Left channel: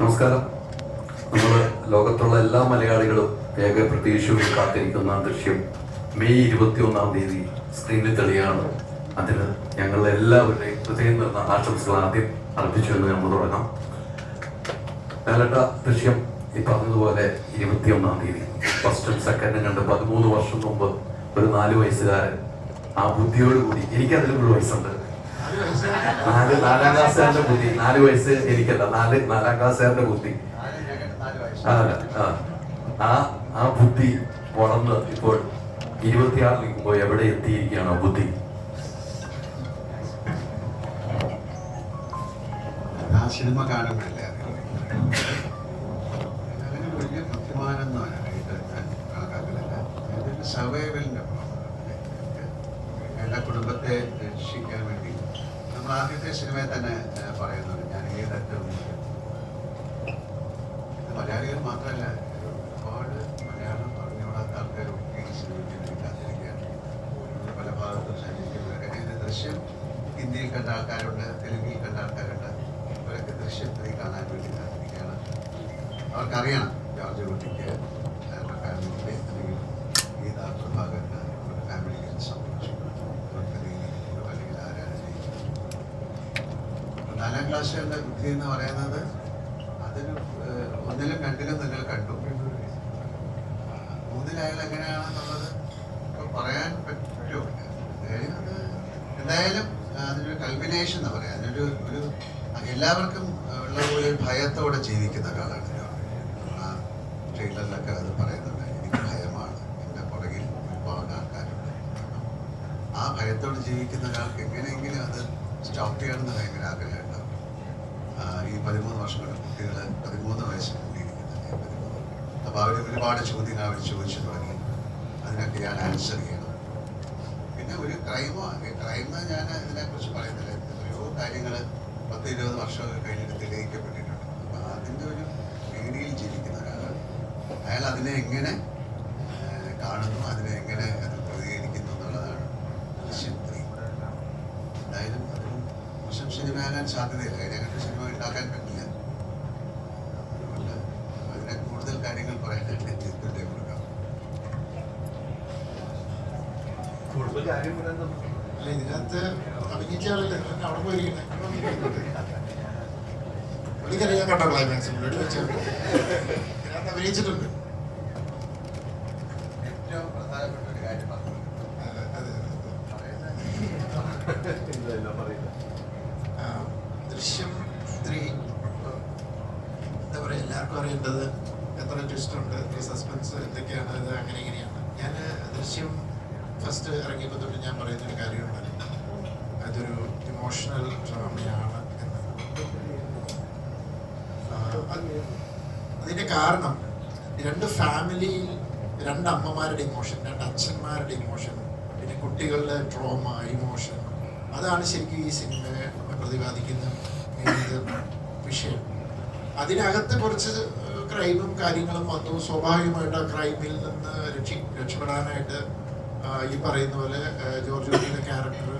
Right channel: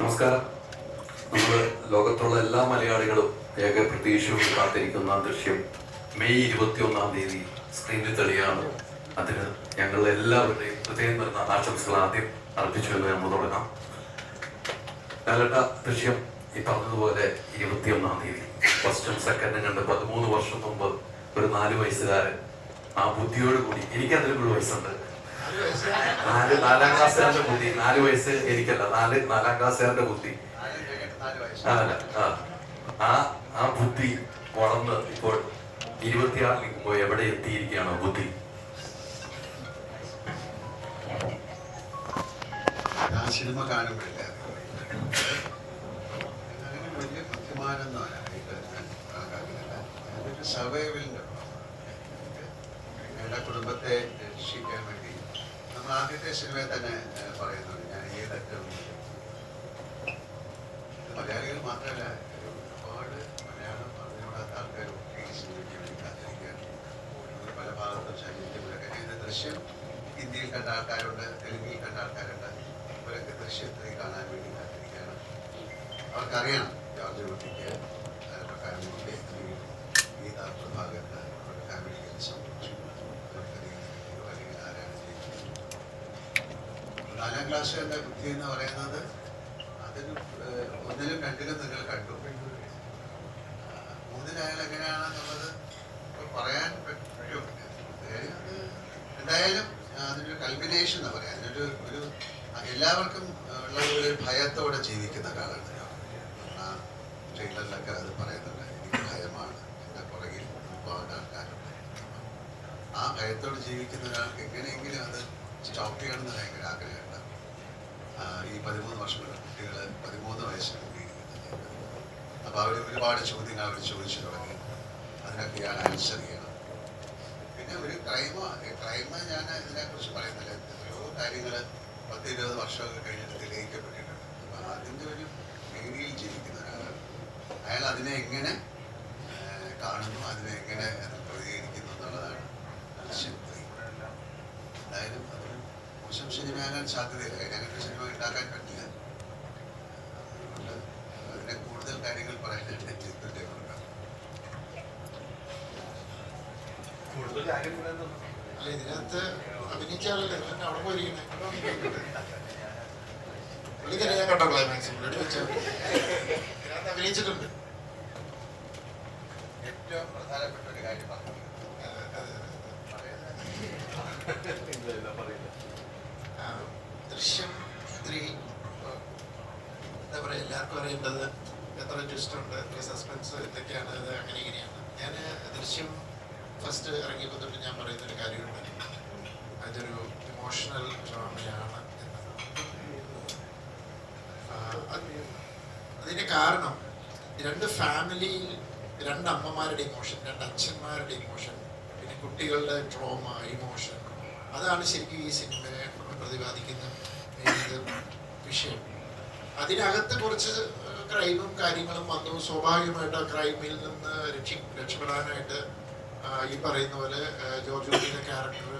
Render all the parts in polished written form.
നമസ്കാരം. നമ്മൾ ലോകത്തുള്ള എല്ലാ മലയാളികളും ഏക പ്രതീക്ഷയോട് കാത്തിരിക്കുന്ന ദൃശ്യം മെയ് 21 സ്ക്രീനിൽ തെളിയാണ്. അതിന് ഞങ്ങളുടെ എല്ലാവരുടെയും ഹൃദയം നിറഞ്ഞ ആശംസകൾ ആദ്യം അർപ്പിച്ചു എന്ന് നമ്മൾ തുടങ്ങാം. കാലട്ട ദൃശ്യം ഈ പറഞ്ഞതുപോലെ 21 ഫസ്റ്റും സെക്കൻഡും കണ്ട് 13 വർഷം മുമ്പ് ഒരു 4 വയസ്സുകാരൻ ആ ബുദ്ധിയോടുകൂടി, എനിക്കതിലും ഒരു വയസ്സുണ്ട്, 4-4 ക്ലാസ്സുകാരന്റെ ബുദ്ധി, 4 വയസ്സ് എനിക്കല്ല, 4 ക്ലാസ്സുകാരന്റെ ബുദ്ധി, ആ ബുദ്ധി വളർന്ന് ഇപ്പോൾ 26 നിൽക്കുമ്പോൾ എവിടെ എത്തിയിരിക്കുകയാണ് ആ ബുദ്ധി. സിനിമ കാണുമ്പോഴല്ലേ അങ്ങനെ വലിയ ബുദ്ധിമാനൊന്നുമായിട്ട് ഞാൻ കണക്കാക്കുന്നില്ല. അതൊരു സർവൈവലിൻ്റെ എൻ്റെ കുടുംബത്തെ രക്ഷിക്കാൻ വേണ്ടി നമ്മൾ ആദ്യത്തെ സിനിമയിൽ തന്നെ പറയുന്നുണ്ട്, ഞാൻ ഏതറ്റവും മലയാളികൾ മാത്രമല്ല, ഒരുപാട് മലയാളം പറഞ്ഞുകൂടാത്ത ആൾക്കാർ ഒത്തിരി ഈ സിനിമയ്ക്ക് വേണ്ടി കാത്തിരിക്കുകയാണ്. പല ഭാഗത്തും സഞ്ചരിക്കുന്നവരൊക്കെ ഇത് ദൃശ്യം ഹിന്ദിയിൽ കണ്ട ആൾക്കാരുണ്ട്, തെലുങ്കിൽ കണ്ട ആൾക്കാരുണ്ട്. ഇവരൊക്കെ ദൃശ്യത്തിൽ കാണാൻ വേണ്ടി കാത്തിരിക്കുകയാണ്. അവർക്കറിയണം ജോർജ് കുട്ടിക്ക് അവരുടെ ഫാമിലിക്ക് അല്ലെങ്കിൽ ഗീതാ പ്രഭാകരന് അവരുടെ ഫാമിലിക്ക് സംഭവിച്ചു, അവർക്ക് അല്ലെങ്കിൽ ആരാണ് ജയിച്ചത്. 4-ാം ക്ലാസ്സുകാരുടെ ബുദ്ധി എന്ന് പറയുന്നത് അതിന് 1-ലും 2-ലും നിങ്ങൾ കണ്ടു. 3-ൽ എങ്ങനെയാണെന്നുള്ളത് ഇപ്പോൾ പറയാൻ പറ്റുമോ? എന്തായാലും അതിനൊരു കൾമിനേഷൻ എന്ന് പറയാം. അതിനൊരു എല്ലാവർക്കും ഉള്ള പോലെ ഒരു ഭയത്തോടെ ജീവിക്കുന്ന ഒരാളാണ്. ആ ട്രെയിലറിലൊക്കെ അത് പറയുന്നുണ്ട്, എനിക്ക് ഭയമാണ്, എൻ്റെ പുറകിൽ ഒരുപാട് ആൾക്കാരുണ്ട്. ആ ഭയത്തോട് ജീവിക്കുന്ന ഒരാൾക്ക് എങ്ങനെയെങ്കിലും അത് സ്റ്റോപ്പ് ചെയ്യണമെന്ന് ഭയങ്കര ആഗ്രഹമുണ്ട്. ഈ 13 വർഷമുള്ള കുട്ടികൾ 13 വയസ്സ് കൂടിയിരിക്കുന്നത്. അപ്പോൾ അവർ ഒരുപാട് ചോദ്യങ്ങൾ അവർ ചോദിച്ചു തുടങ്ങി. അതിനൊക്കെ ഞാൻ ആൻസർ ചെയ്യണം. പിന്നെ ഒരു ക്രൈമ് ഞാൻ ഇതിനെക്കുറിച്ച് പറയുന്നില്ല. എത്രയോ കാര്യങ്ങൾ 10-20 വർഷമൊക്കെ കഴിഞ്ഞിട്ട് തെളിയിക്കപ്പെട്ടിട്ടുണ്ട്. അപ്പോൾ അതിൻ്റെ ഒരു പേടിയിൽ ജീവിക്കുന്ന ഒരാളാണ് അയാൾ. അതിനെ എങ്ങനെ കാണുന്നു, അതിനെ എങ്ങനെ അത് പ്രതികരിക്കുന്നു എന്നുള്ളതാണ് ദൃശ്യം 3. എന്തായാലും അതിന് മോശം സിനിമയാകാൻ സാധ്യതയില്ല. അതിനെക്കുറിച്ച് സിനിമ ഉണ്ടാക്കാൻ പറ്റില്ല. അതുകൊണ്ട് അതിനെ കൂടുതൽ കാര്യങ്ങൾ പറയാനായിട്ട് ചിത്രത്തെ കൊടുക്കാം. കൂടുതൽ കാര്യം അല്ല, ഇതിനകത്ത് അഭിനയിച്ചാലല്ലേ അവിടെ പോയിരിക്കുന്നത്. പുള്ളിക്കറിയാൻ കണ്ട ക്ലൈമാക്സ് പുള്ളിയോട് വെച്ചാൽ ഇതിനകത്ത് അഭിനയിച്ചിട്ടുണ്ട്. ഏറ്റവും പ്രധാനപ്പെട്ട ഒരു കാര്യം പറഞ്ഞു, ദൃശ്യം 3 എന്താ പറയുക, എല്ലാവർക്കും അറിയേണ്ടത് എത്ര ട്വിസ്റ്റ് ഉണ്ട്, എത്ര സസ്പെൻസ്, എന്തൊക്കെയാണ് ഇത്, അങ്ങനെ ഇങ്ങനെയാണ്. ഞാൻ ദൃശ്യം ഫസ്റ്റ് ഇറങ്ങിയപ്പോൾ തൊട്ട് ഞാൻ പറയുന്നൊരു കാര്യമുണ്ട്, അതൊരു ഇമോഷണൽ ഡ്രാമയാണ് എന്ന്. അതിൻ്റെ കാരണം 2 ഫാമിലിയിൽ 2 അമ്മമാരുടെ ഇമോഷൻ, 2 അച്ഛന്മാരുടെ ഇമോഷൻ, പിന്നെ കുട്ടികളുടെ ട്രോമ, ഇമോഷൻ, അതാണ് ശരിക്കും ഈ സിനിമയെ പ്രതിപാദിക്കുന്ന വിഷയം. അതിനകത്ത് കുറച്ച് ക്രൈമും കാര്യങ്ങളും വന്നു. സ്വാഭാവികമായിട്ട് ആ ക്രൈമിൽ നിന്ന് രക്ഷപ്പെടാനായിട്ട് ഈ പറയുന്ന പോലെ ജോർജ് കുട്ടിയുടെ ക്യാരക്ടർ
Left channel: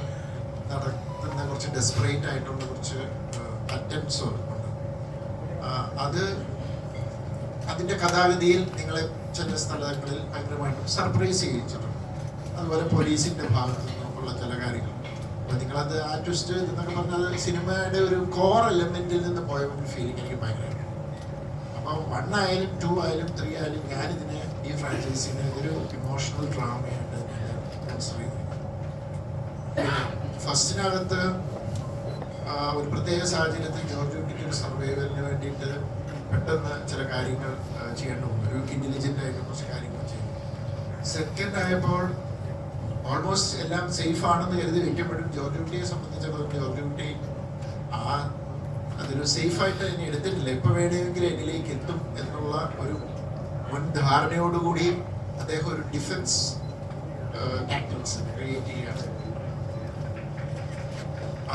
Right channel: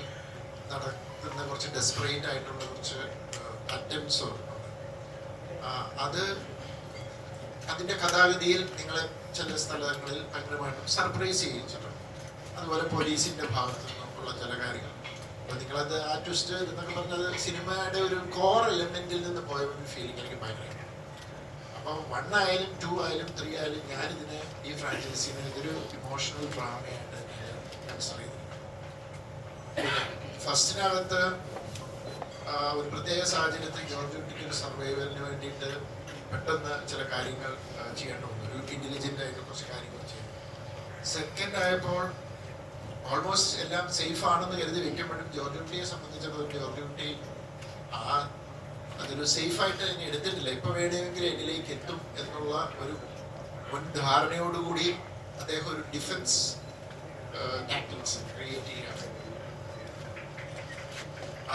നടത്തുന്ന കുറച്ച് ഡെസ്പറേറ്റ് ആയിട്ടുള്ള കുറച്ച് അറ്റംപ്റ്റ്സ് ഉണ്ട്. അത് അതിൻ്റെ കഥാഗതിയിൽ നിങ്ങളെ ചില സ്ഥലങ്ങളിൽ ഭയങ്കരമായിട്ടും സർപ്രൈസ് ചെയ്യിച്ചിട്ടുണ്ട്. അതുപോലെ പോലീസിൻ്റെ ഭാഗത്തു നിന്നുള്ള ചില കാര്യങ്ങൾ. അപ്പോൾ നിങ്ങളത് ആ ട്വിസ്റ്റ് എന്നൊക്കെ പറഞ്ഞാൽ സിനിമയുടെ ഒരു കോർ എലമെൻറ്റിൽ നിന്ന് പോയ ഒരു ഫീലിംഗ് എനിക്ക് ഭയങ്കരമായിട്ട്. അപ്പോൾ 1 ആയാലും 2 ആയാലും 3 ആയാലും ഞാനിതിനെ ഈ ഫ്രാഞ്ചൈസിനെ ഇതൊരു ഇമോഷണൽ ഡ്രാമയായിട്ട് കൺസിഡർ ചെയ്തിട്ടുണ്ട്. പിന്നെ ഫസ്റ്റിനകത്ത് ഒരു പ്രത്യേക സാഹചര്യത്തിൽ ജോർജ് കുട്ടിക്ക് ഒരു സർവൈവലിന് വേണ്ടിയിട്ട് പെട്ടെന്ന് ചില കാര്യങ്ങൾ ചെയ്യേണ്ടി വന്നു. ഒരു ഇൻ്റലിജൻ്റ് ആയിട്ട് കുറച്ച് കാര്യങ്ങൾ ചെയ്തു. സെക്കൻഡ് ആയപ്പോൾ ഓൾമോസ്റ്റ് എല്ലാം സേഫ് ആണെന്ന് കരുതി വെക്കുമ്പോഴും ജോർജ് കുട്ടിയെ സംബന്ധിച്ചിടത്തോളം ജോർജ് കുട്ടി അതൊരു സേഫായിട്ട് ഇനി എടുത്തിട്ടില്ല. ഇപ്പോൾ വേണമെങ്കിൽ എന്നിലേക്ക് എത്തും എന്നുള്ള ഒരു മുൻ ധാരണയോടുകൂടി അദ്ദേഹം ഒരു ഡിഫൻസ് ടാക്ടിക്സ് ക്രിയേറ്റ് ചെയ്യുകയാണ്.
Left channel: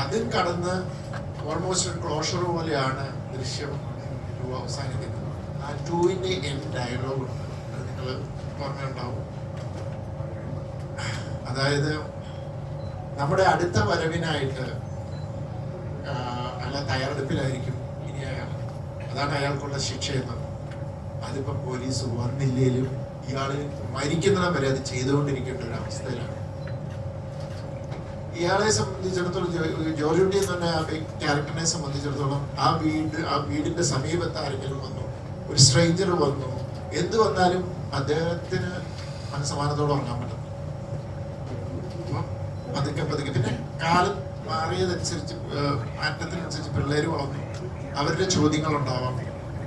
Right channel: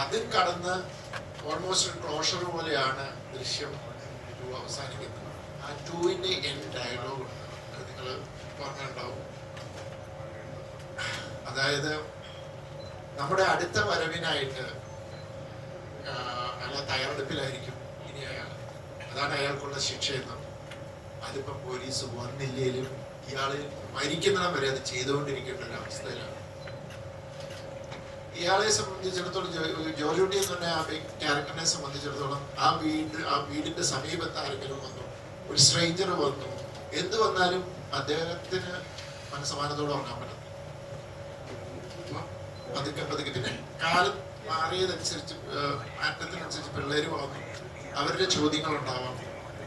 അതും കടന്ന് ഓൾമോസ്റ്റ് ഒരു ക്ലോഷർ പോലെയാണ് ദൃശ്യം 2 അവസാനിക്കുന്നത്. ആ 2ൻ്റെ എൻഡ് ഡയലോഗ് ഉണ്ട്, അത് നിങ്ങൾ പറഞ്ഞിട്ടുണ്ടാവും. അതായത് നമ്മുടെ അടുത്ത വരവിനായിട്ട് അല്ല തയ്യാറെടുപ്പിലായിരിക്കും ഇനി അയാൾ. അതാണ് അയാൾക്കുള്ള ശിക്ഷയെന്നും അതിപ്പോ പോലീസ് വന്നില്ലേലും ഇയാള് മരിക്കുന്നിടം വരെ അത് ചെയ്തുകൊണ്ടിരിക്കേണ്ട ഒരു അവസ്ഥയിലാണ്. ഇയാളെ സംബന്ധിച്ചിടത്തോളം ജോർജ് കുട്ടി എന്ന് പറഞ്ഞ ആ ക്യാരക്ടറിനെ സംബന്ധിച്ചിടത്തോളം ആ വീടിന്റെ സമീപത്ത് ആരെങ്കിലും വന്നു, ഒരു സ്ട്രേഞ്ചർ വന്നു, എന്ത് വന്നാലും അദ്ദേഹത്തിന് മനസ്സമാനത്തോടെ ഉറങ്ങാൻ പറ്റും. പതുക്കെ പിന്നെ കാലം മാറിയതനുസരിച്ച് മാറ്റത്തിനനുസരിച്ച് പിള്ളേർ വളർന്നു, അവരുടെ ചോദ്യങ്ങൾ ഉണ്ടാവാം.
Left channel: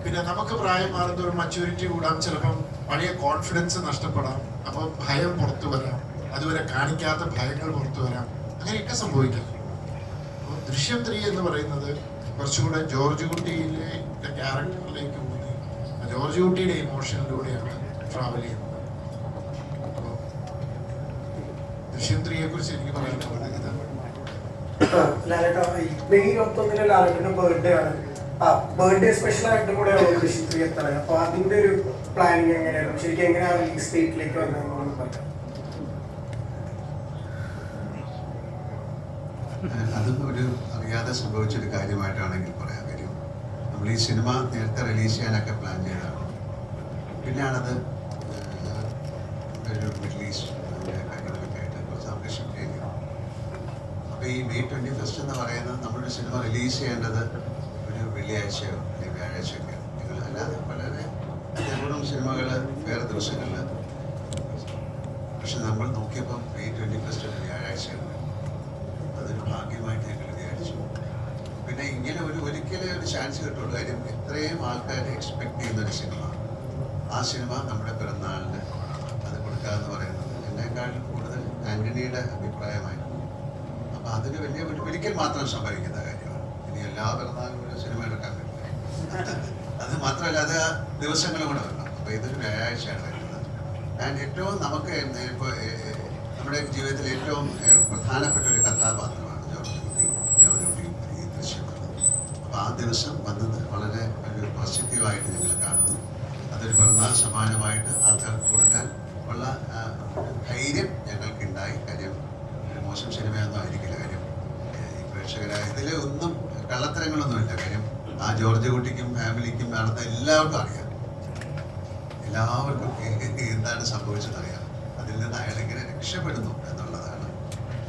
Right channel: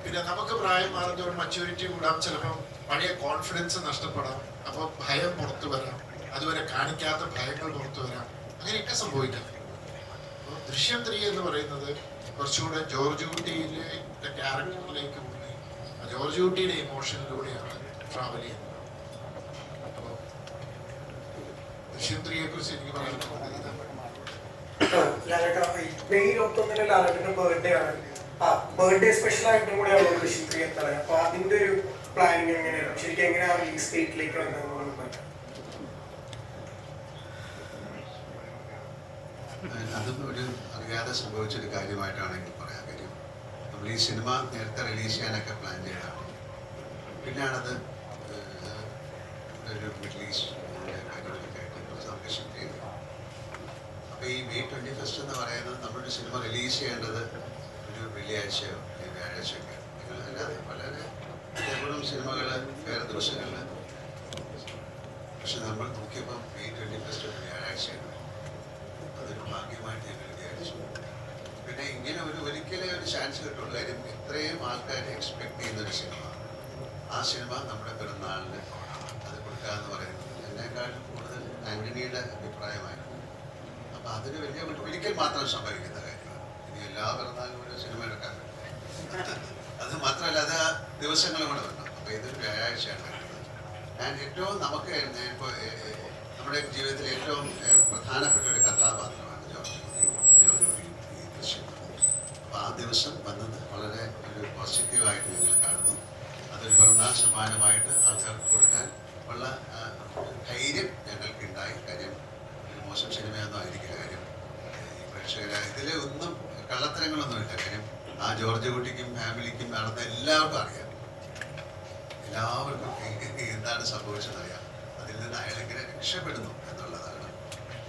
പിന്നെ നമുക്ക് പ്രായം മാറുന്നതോറും മച്യൂരിറ്റി കൂടാം, ചിലപ്പം പഴയ കോൺഫിഡൻസ് നഷ്ടപ്പെടാം, അപ്പോൾ ഭയം പുറത്തു വരാം, അതുവരെ കാണിക്കാത്ത ഭയങ്ങൾ പുറത്തു വരാം, അങ്ങനെയൊക്കെ സംഭവിക്കാം. അപ്പോൾ ദൃശ്യം 3 എന്ന് പറയുന്നത് കുറച്ചുകൂടെ ജോർജ് കുട്ടിയിലെ ക്യാരക്ടറിലേക്ക് പോയി ആ ജോർജ് കുട്ടിയുടെ ഇമോഷനിലൂടെയാണ് ട്രാവൽ ചെയ്യുന്നത്. അപ്പോൾ ദൃശ്യം 3യെ കുറിച്ച് എനിക്ക് പറയാനുള്ളത് മെയ് 21 ലാലേട്ടന്റെ ബർത്ത്ഡേ ആണ്. ബർത്ത്ഡേ സ്പെഷ്യൽ ആയിട്ടും കൂടെയാണ് ദൃശ്യം 3 എത്തുന്നത്. അപ്പൊ അതിന്റെ ഒരു പ്ലാനിങ് എങ്ങനെയാണ്, ശരിക്കും എങ്ങനെയാണ് ഈ സ്റ്റേറ്റിലേക്ക് വന്നത്? അതൊന്നും ഒരു അറിയാതെ സംഭവിച്ചൊരു കാര്യമായിട്ടാണെങ്കിൽ പറയാൻ കാര്യം, നമ്മൾ ഈ സിനിമ നേരത്തെ റിലീസ് ചെയ്യാനൊക്കെ പ്ലാൻ ചെയ്തതാണ്. പിന്നെയാണത് ഒരു മിഡിൽ ഈസ്റ്റ് കാര്യങ്ങളൊക്കെ ആയിട്ട് കുറച്ച് നമുക്ക് ഷിഫ്റ്റ് ചെയ്തു. അപ്പോൾ ഈ May 21 എന്ന് പറയുന്നത് നമ്മളൊരു സിനിമ റിലീസ് ചെയ്യേണ്ടത് ഒരു വെള്ളിയാഴ്ചയോ അല്ലെങ്കിൽ വ്യാഴാഴ്ചയൊക്കെ, അല്ലാതെ വളരെ അപൂർവം സിനിമകൾ വേറെ ദിവസങ്ങളിൽ. പക്ഷെ നമ്മൾ നോക്കിയപ്പോൾ May 21 ഒരു വ്യാഴാഴ്ചയാണ്. അതൊരു ഭാഗ്യമായിട്ട് ഞങ്ങൾ വിചാരിച്ചു. പിന്നെ ഇങ്ങനെ ഒരിക്കലേ ഒരു ചാൻസ് കിട്ടുള്ളൂ. കാര്യം ഇത്രയും ആൾക്കാർ എക്സ്പെക്ട് ചെയ്യുന്നൊരു സിനിമ, ആ സിനിമ നമ്മുടെ പിറന്നാളിന് അത് കൊടുക്കുക എന്ന് പറയുന്നത് എന്നെക്കാളും കൂടുതൽ ആൻ്റണിയുടെ അഭിപ്രായമായിരുന്നു. അപ്പോൾ അതൊരു വലിയ ഒരിക്കൽ മാത്രം സംഭവിക്കുന്ന കാര്യമാണ്. ഇനി എല്ലാ പിറന്നാളും ഒരു സിനിമ എടുക്കാൻ പറ്റില്ല. അത് മാത്രമല്ല, അത് ദിവസങ്ങളും കൂടെ വരണം. അപ്പോൾ ഇതൊരു വ്യാഴാഴ്ചയാണ് എടുക്കുന്നത്. ആൻഡ് ഏറ്റവും നമുക്ക് ഇപ്പോൾ നമ്മുടെ ജീവിതത്തിൽ ഏറ്റവും പ്രധാനപ്പെട്ട ഒരു കഥാപാത്രമാണ് ജോർജ് കുട്ടി ഈ ദൃശ്യം. അപ്പോൾ ആ ദിവസം വന്നത് വളരെ ഒരു പോസിറ്റീവായിട്ട് ഞങ്ങൾ കാണുന്നു. അതൊരു പിറന്നാൾ സമ്മാനമായിട്ട് ആൾക്കാർക്ക് കൊടുക്കാൻ ഉള്ള ധൈര്യം ഞങ്ങൾക്കുണ്ടായി. കാര്യം ഒരു മോശം സിനിമയൊന്നും ആയിരിക്കില്ല. കാര്യം ഈ പ്രേക്ഷകരായ ഇതിൽ ഒന്നും കള്ളത്തരങ്ങളൊന്നുമില്ല. കാര്യം ആ ജോർജ് കുട്ടിക്കും ഫാമിലിക്കും നടന്ന എല്ലാവർക്കും അറിയാം, എല്ലാവർക്കും എന്താണ് സംഭവിച്ചതെന്നറിയാം. അതിൽ നിന്ന് അയാൾ എങ്ങനെ രക്ഷപ്പെടുന്നു എന്നുള്ളതാണ്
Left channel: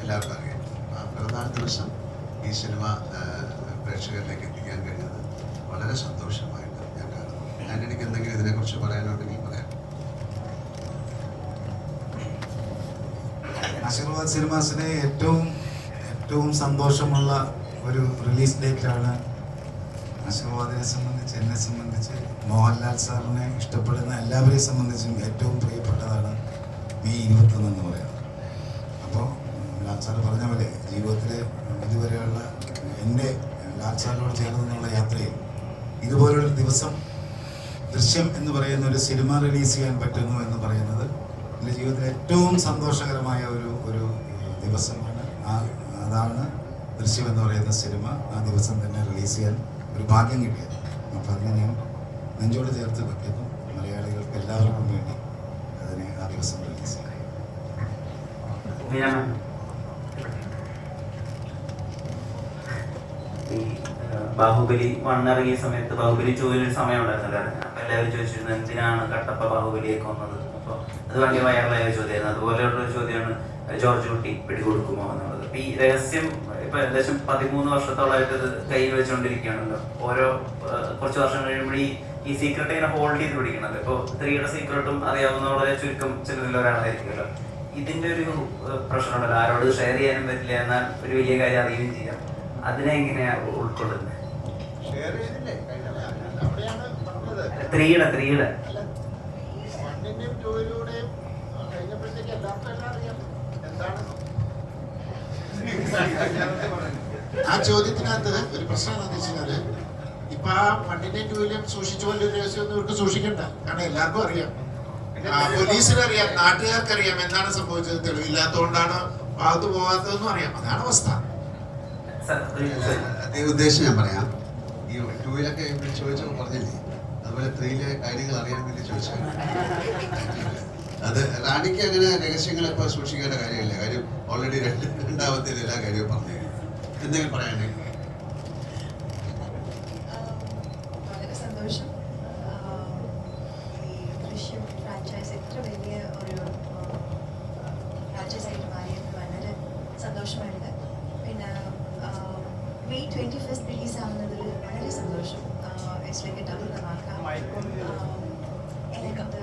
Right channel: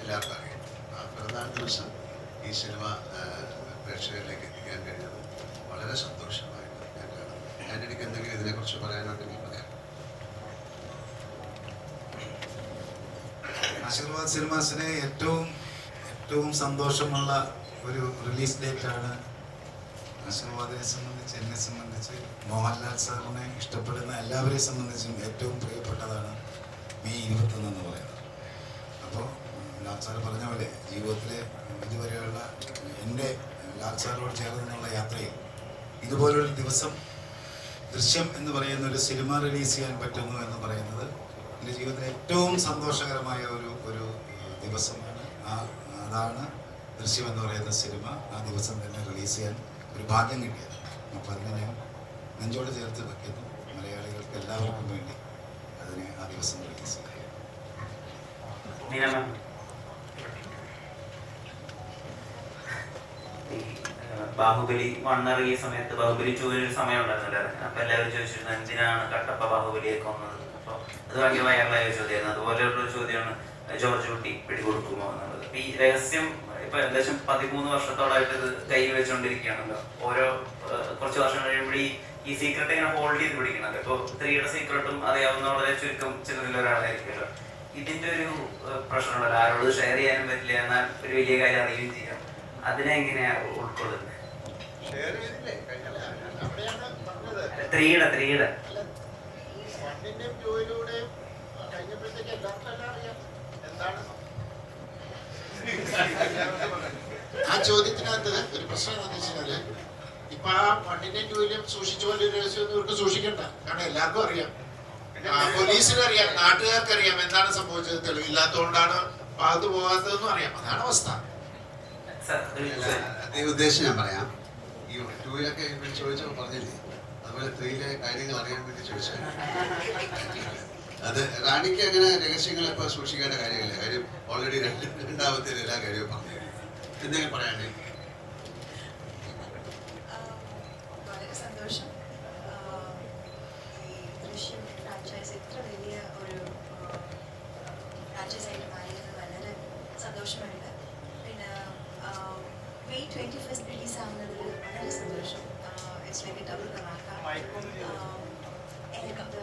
എല്ലാവർക്കും അറിയാം. ആ പിറന്നാൾ ദിവസം ഈ സിനിമ പ്രേക്ഷകരിലേക്ക് എത്തിക്കാൻ കഴിഞ്ഞത് വളരെ സന്തോഷമായിട്ട് ഞാൻ കാണുന്നു. ആൻ്റണിക്ക് എന്തെങ്കിലും ഇതിനെക്കുറിച്ച് പറയാനുണ്ടെങ്കിൽ പറയാം. ആശീർവാദ് സിനിമാസിന് ഏറ്റവും സന്തോഷമുള്ള ഒരു റിലീസ് ഡേറ്റാണ്. ആശീർവാദിനെ സംബന്ധിച്ച്, എന്നെ സംബന്ധിച്ച്, മോഹൻലാൽ സാറിനെ ഇഷ്ടപ്പെടുന്ന എല്ലാവരെയും സംബന്ധിച്ചും ഏറ്റവും പ്രിയപ്പെട്ടതാണ് May 21 എന്ന് പറയുന്നത്. അപ്പോൾ ലാൽ സാർ പറഞ്ഞ പോലെ ജീവിതത്തിലെ ഇതുവരെയുള്ള എൻ്റെ ലാൽ സാറിനോട് ചേർന്നുള്ള യാത്രയിൽ ഇതുപോലൊരു ദിവസം ദൃശ്യം എന്ന് പറയുന്ന ഒരു സിനിമ റിലീസ് ചെയ്യാൻ പറ്റുന്നു എന്ന് പറയുന്നത് എൻ്റെ ജീവിതത്തിലെ ഏറ്റവും സന്തോഷകരമായ ഒരു ദിവസമാണ്. അതാണ് ദൃശ്യം എന്ന് പറയുന്ന സിനിമ ആ ദിവസം തന്നെ റിലീസ് ചെയ്യാൻ ഒരു ഭാഗ്യം കിട്ടിയത്. അപ്പോൾ അതിനെ ഞാൻ നെഞ്ചോട് ചേർത്ത് വെക്കുന്നു. മലയാളികൾക്ക് എല്ലാവർക്കും വേണ്ടി അതിനെ ആ ദിവസം റിലീസ് ചെയ്യും. ഈ ബാഹുബലി 1 ഇറങ്ങിയ സമയത്ത് ബാഹുബലി 2 ഒരു സമയം ഉണ്ടായിരുന്നില്ല. അപ്പൊ എല്ലാവരും ചോദിച്ചിരുന്നു എന്തിനാണ് കട്ടപ്പ ബാഹുബലിയൊക്കെ വന്നത്. അപ്പോൾ അത് ഭയങ്കര വൈറലായ ചോദ്യമായിരുന്നു. അതുപോലെയുള്ള ഒരു ചോദ്യമാണ് ജോർജ് കുട്ടി പിടികൊടുക്കുമോ എന്നുള്ളത്. ഈ രഹസ്യം ഇപ്പൊ ഏകദേശം 13 വർഷത്തോളമായിട്ട് ഇത് കയ്യിൽ വെച്ചുകൊണ്ടിരിക്കുകയാണല്ലോ. ഓരോ കുറച്ച് വർഷം കഴിയുമ്പോൾ ഈ സീക്രട്ട് ഇങ്ങനെ ഹോൾഡ് ചെയ്ത് പിടിക്കണത്. ഇപ്പോൾ 3യുടെ സീക്രട്ടും അറിയാവുന്ന വളരെ ചുരുക്കം ചിലരിൽ ഒരാളായിരിക്കുമല്ലോ. ഇതിന്റെ ഒരു പ്രശ്നമുണ്ടല്ലോ, ആരോട് ഷെയർ ചെയ്യാനും പറ്റില്ല, എന്നാൽ ഒരു വലിയ കാര്യം അറിയുകയും ചെയ്യാം. അതിനെ എങ്ങനെയാ ഉൾക്കൊള്ളുന്നത്? 3യുടെ 1ന്റെയും 2യിലൂടെയും കഴിഞ്ഞപ്പോഴത്തേക്ക് എല്ലാവർക്കും അറിയാം എന്താണ് ആ ചോദ്യത്തിനകത്ത് ഒരു പ്രശ്നം എന്താണെന്ന് വെച്ചാല്, ഇപ്പൊ ആ 1ന്റെയും 2യിലും സൂക്ഷിച്ചു പോലെ രഹസ്യമൊന്നും ഇവർക്ക് സൂക്ഷിക്കണ്ട. കാരണം എല്ലാവർക്കും അറിയാം, പോലീസിനറിയാം, നാട്ടുകാർക്കറിയാം എന്താണ് സംഭവിച്ചത്. തെളിവില്ലാത്തതുകൊണ്ടാണ് ഭാഗത്ത് പോകാത്തതെന്നും അറിയാം. അതാണ് അവസ്ഥ. അതേ ഉദ്ദേശം ഞാൻ പറയാം. ഈ 2യിലൊക്കെ ചോദിച്ചപ്പോൾ പറഞ്ഞില്ലേ, അതുപോലെ 3യിലെ കാര്യങ്ങൾ അറിയാൻ വേണ്ടി ചോദിച്ചാൽ അത് റാണിക്ക് അങ്ങനെ രഹസ്യങ്ങളിപ്പോൾ സൂക്ഷിക്കേണ്ട കാര്യമില്ല. കാര്യം ഓൾറെഡി രണ്ടാമത്തെ എല്ലാ കാര്യവും പറഞ്ഞു. എന്തെങ്കിലും പറയാനുണ്ടെങ്കിൽ? വളരെ like a double dhamaka. And ഈ രണ്ട്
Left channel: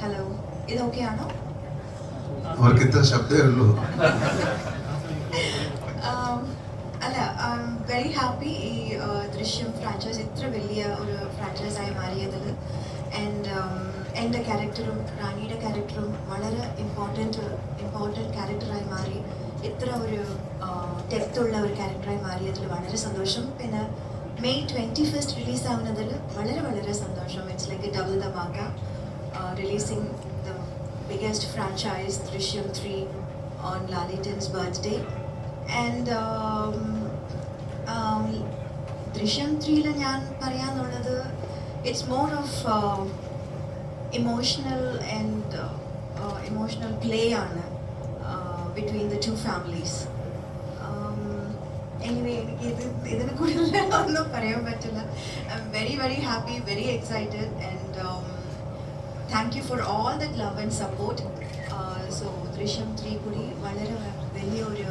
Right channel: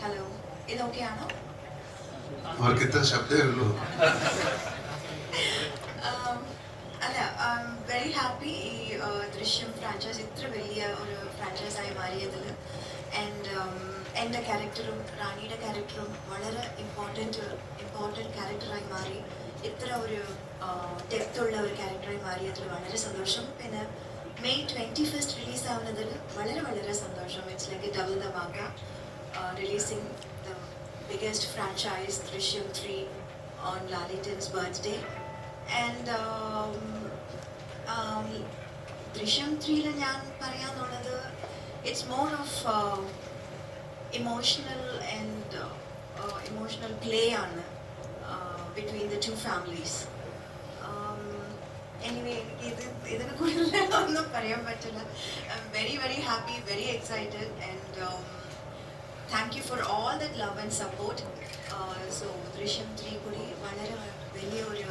ഹലോ ഇതൊക്കെയാണോ? അവർക്ക് ഇത്ര ശബ്ദമേ ഉള്ളൂ. അല്ല, ഐ എം വെരി ഹാപ്പി ഈ ദൃശ്യം ഫ്രാഞ്ചൈസ് ഇത്ര വലിയ ഒരു ഫ്രാഞ്ചൈസായി മാറിയതിൽ. ആൻഡ് എൻ്റെ ക്യാരക്ടറും റാണിയുടെ ക്യാരക്ടറും വളരെ ഇമ്പോർട്ടൻറ്റ് ക്യാരക്ടറായി മാറി. ഇത്ര ഒരു ഡെപ്തുള്ള ഒരു ക്യാരക്ടറായി മാറിയതിൽ വളരെ സന്തോഷം. പിന്നെ May 21st റിലീസാവുന്നതിൽ വളരെ വളരെ സന്തോഷം. It's like a double dhamaka, releasing the biggest franchise Drishyam 3 on Lalitan's birthday. And Drishyam 3-ൽ ഞാൻ പറയാന്നുള്ളത് it's more of emotional and emotional play ആണ് between the two families. Anyway ഇതിനെ കൂടുതൽ ഒന്നും പറയാൻ പറ്റില്ല. I'm very very happy, very excited, and thank you for all that love and support. So Drishyam 3 കൂടി വളരെ വലിയൊരു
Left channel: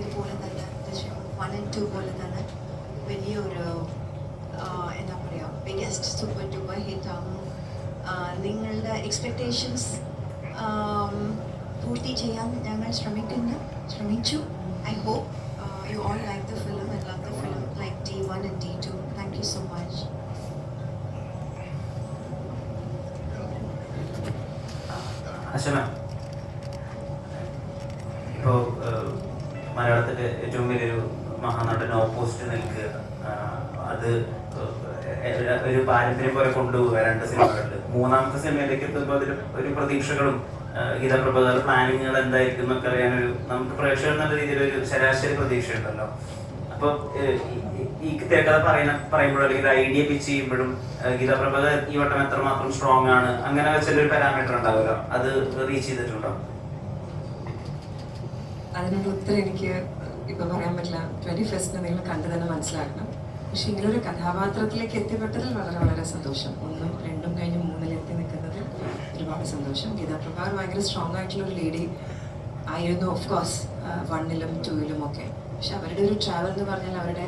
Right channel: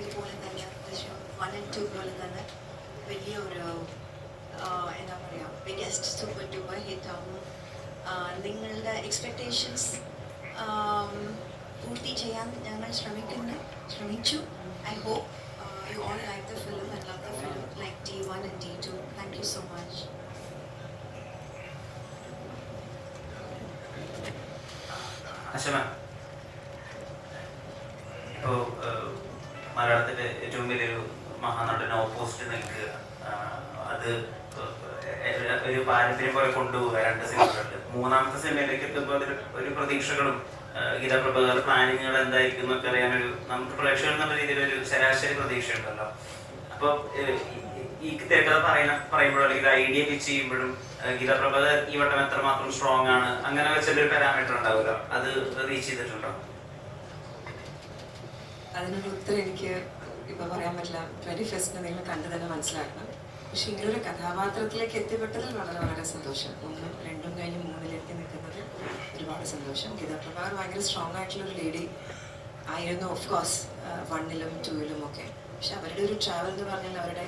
ഇതുപോലെ തന്നെ ദൃശ്യം 1 and 2 പോലെ തന്നെ വലിയൊരു എന്താ പറയുക ബിഗ്ഗസ്റ്റ് സൂപ്പർ ഡൂപ്പർ ഹിറ്റ് ആകും. നിങ്ങളുടെ എക്സ്പെക്റ്റേഷൻസ് പൂർത്തി ചെയ്യാൻ ഞങ്ങൾ ശ്രമിച്ചു. I hope you all like the film and love the film like D1 and D2. Thank you so much. അശമ, ഇപ്പോൾ മലയാളത്തിലെ ഏറ്റവും വലിയൊരു മഹാനടൻ ഓപ്പോസിറ്റ് നിൽക്കുക, അത് ഒരു പാരമ്പര്യം പോലെ കൊണ്ടുപോവുക 2 സിനിമകളിൽ. 3ാമത്തെ സിനിമയിലേക്ക് എത്തുമ്പോൾ അതിൽ ഒരു പ്രതീക്ഷകളും ഗീതപ്രഭുകാർ പ്ലാനിങ്ങുകൾ എന്തായിരിക്കും എന്നൊക്കെ അറിയാനൊരു നമുക്ക് പ്രേക്ഷകർ എന്നുള്ള രീതിയിലൊരു ശരാശരി പ്രതീക്ഷ ഉണ്ടല്ലോ. അപ്പോൾ ഈ തിരക്കഥ പറയുമ്പോഴും അല്ലെങ്കിൽ ഐഡിയ പിച്ച് ചെയ്യുമ്പോഴും ഗീതപ്രഭുകാർ ഈ വട്ടം എത്രമാത്രം സ്ട്രോങ് ആണ് അങ്ങനെ വെച്ചൊരു പാരാമീറ്റർ ഉണ്ടാവുമല്ലോ, അത് റീച്ച് ചെയ്തിട്ടുണ്ടോ? അതിനൊരു ഉത്തരം എനിക്ക് ഇപ്പം പറയാൻ പറ്റില്ല. 21st നിങ്ങൾ കണ്ടു തന്നെ മനസ്സിലാക്കണം. പക്ഷെ ഇങ്ങനൊരു കഥാപാത്രത്തിലേക്ക് എത്തിപ്പെട്ടതിൽ വളരെ വളരെ സന്തോഷം. 1ഉം 2ഉം കഴിഞ്ഞ് 3ലേക്ക് നിൽക്കുന്നതിൽ ഒരുപാട് സന്തോഷം. ഗീതാപ്രഭാകർ ഭയങ്കര സ്ട്രോങ് ആയിട്ടുള്ളൊരു ലേഡി ആയിരുന്നു, ഓഫ് കോഴ്സ് 1ലും 2ലും ഒക്കെ. പക്ഷെ അവരുടെ ഒരു ട്രാവൽ എന്ന് പറഞ്ഞാൽ അവരുടെ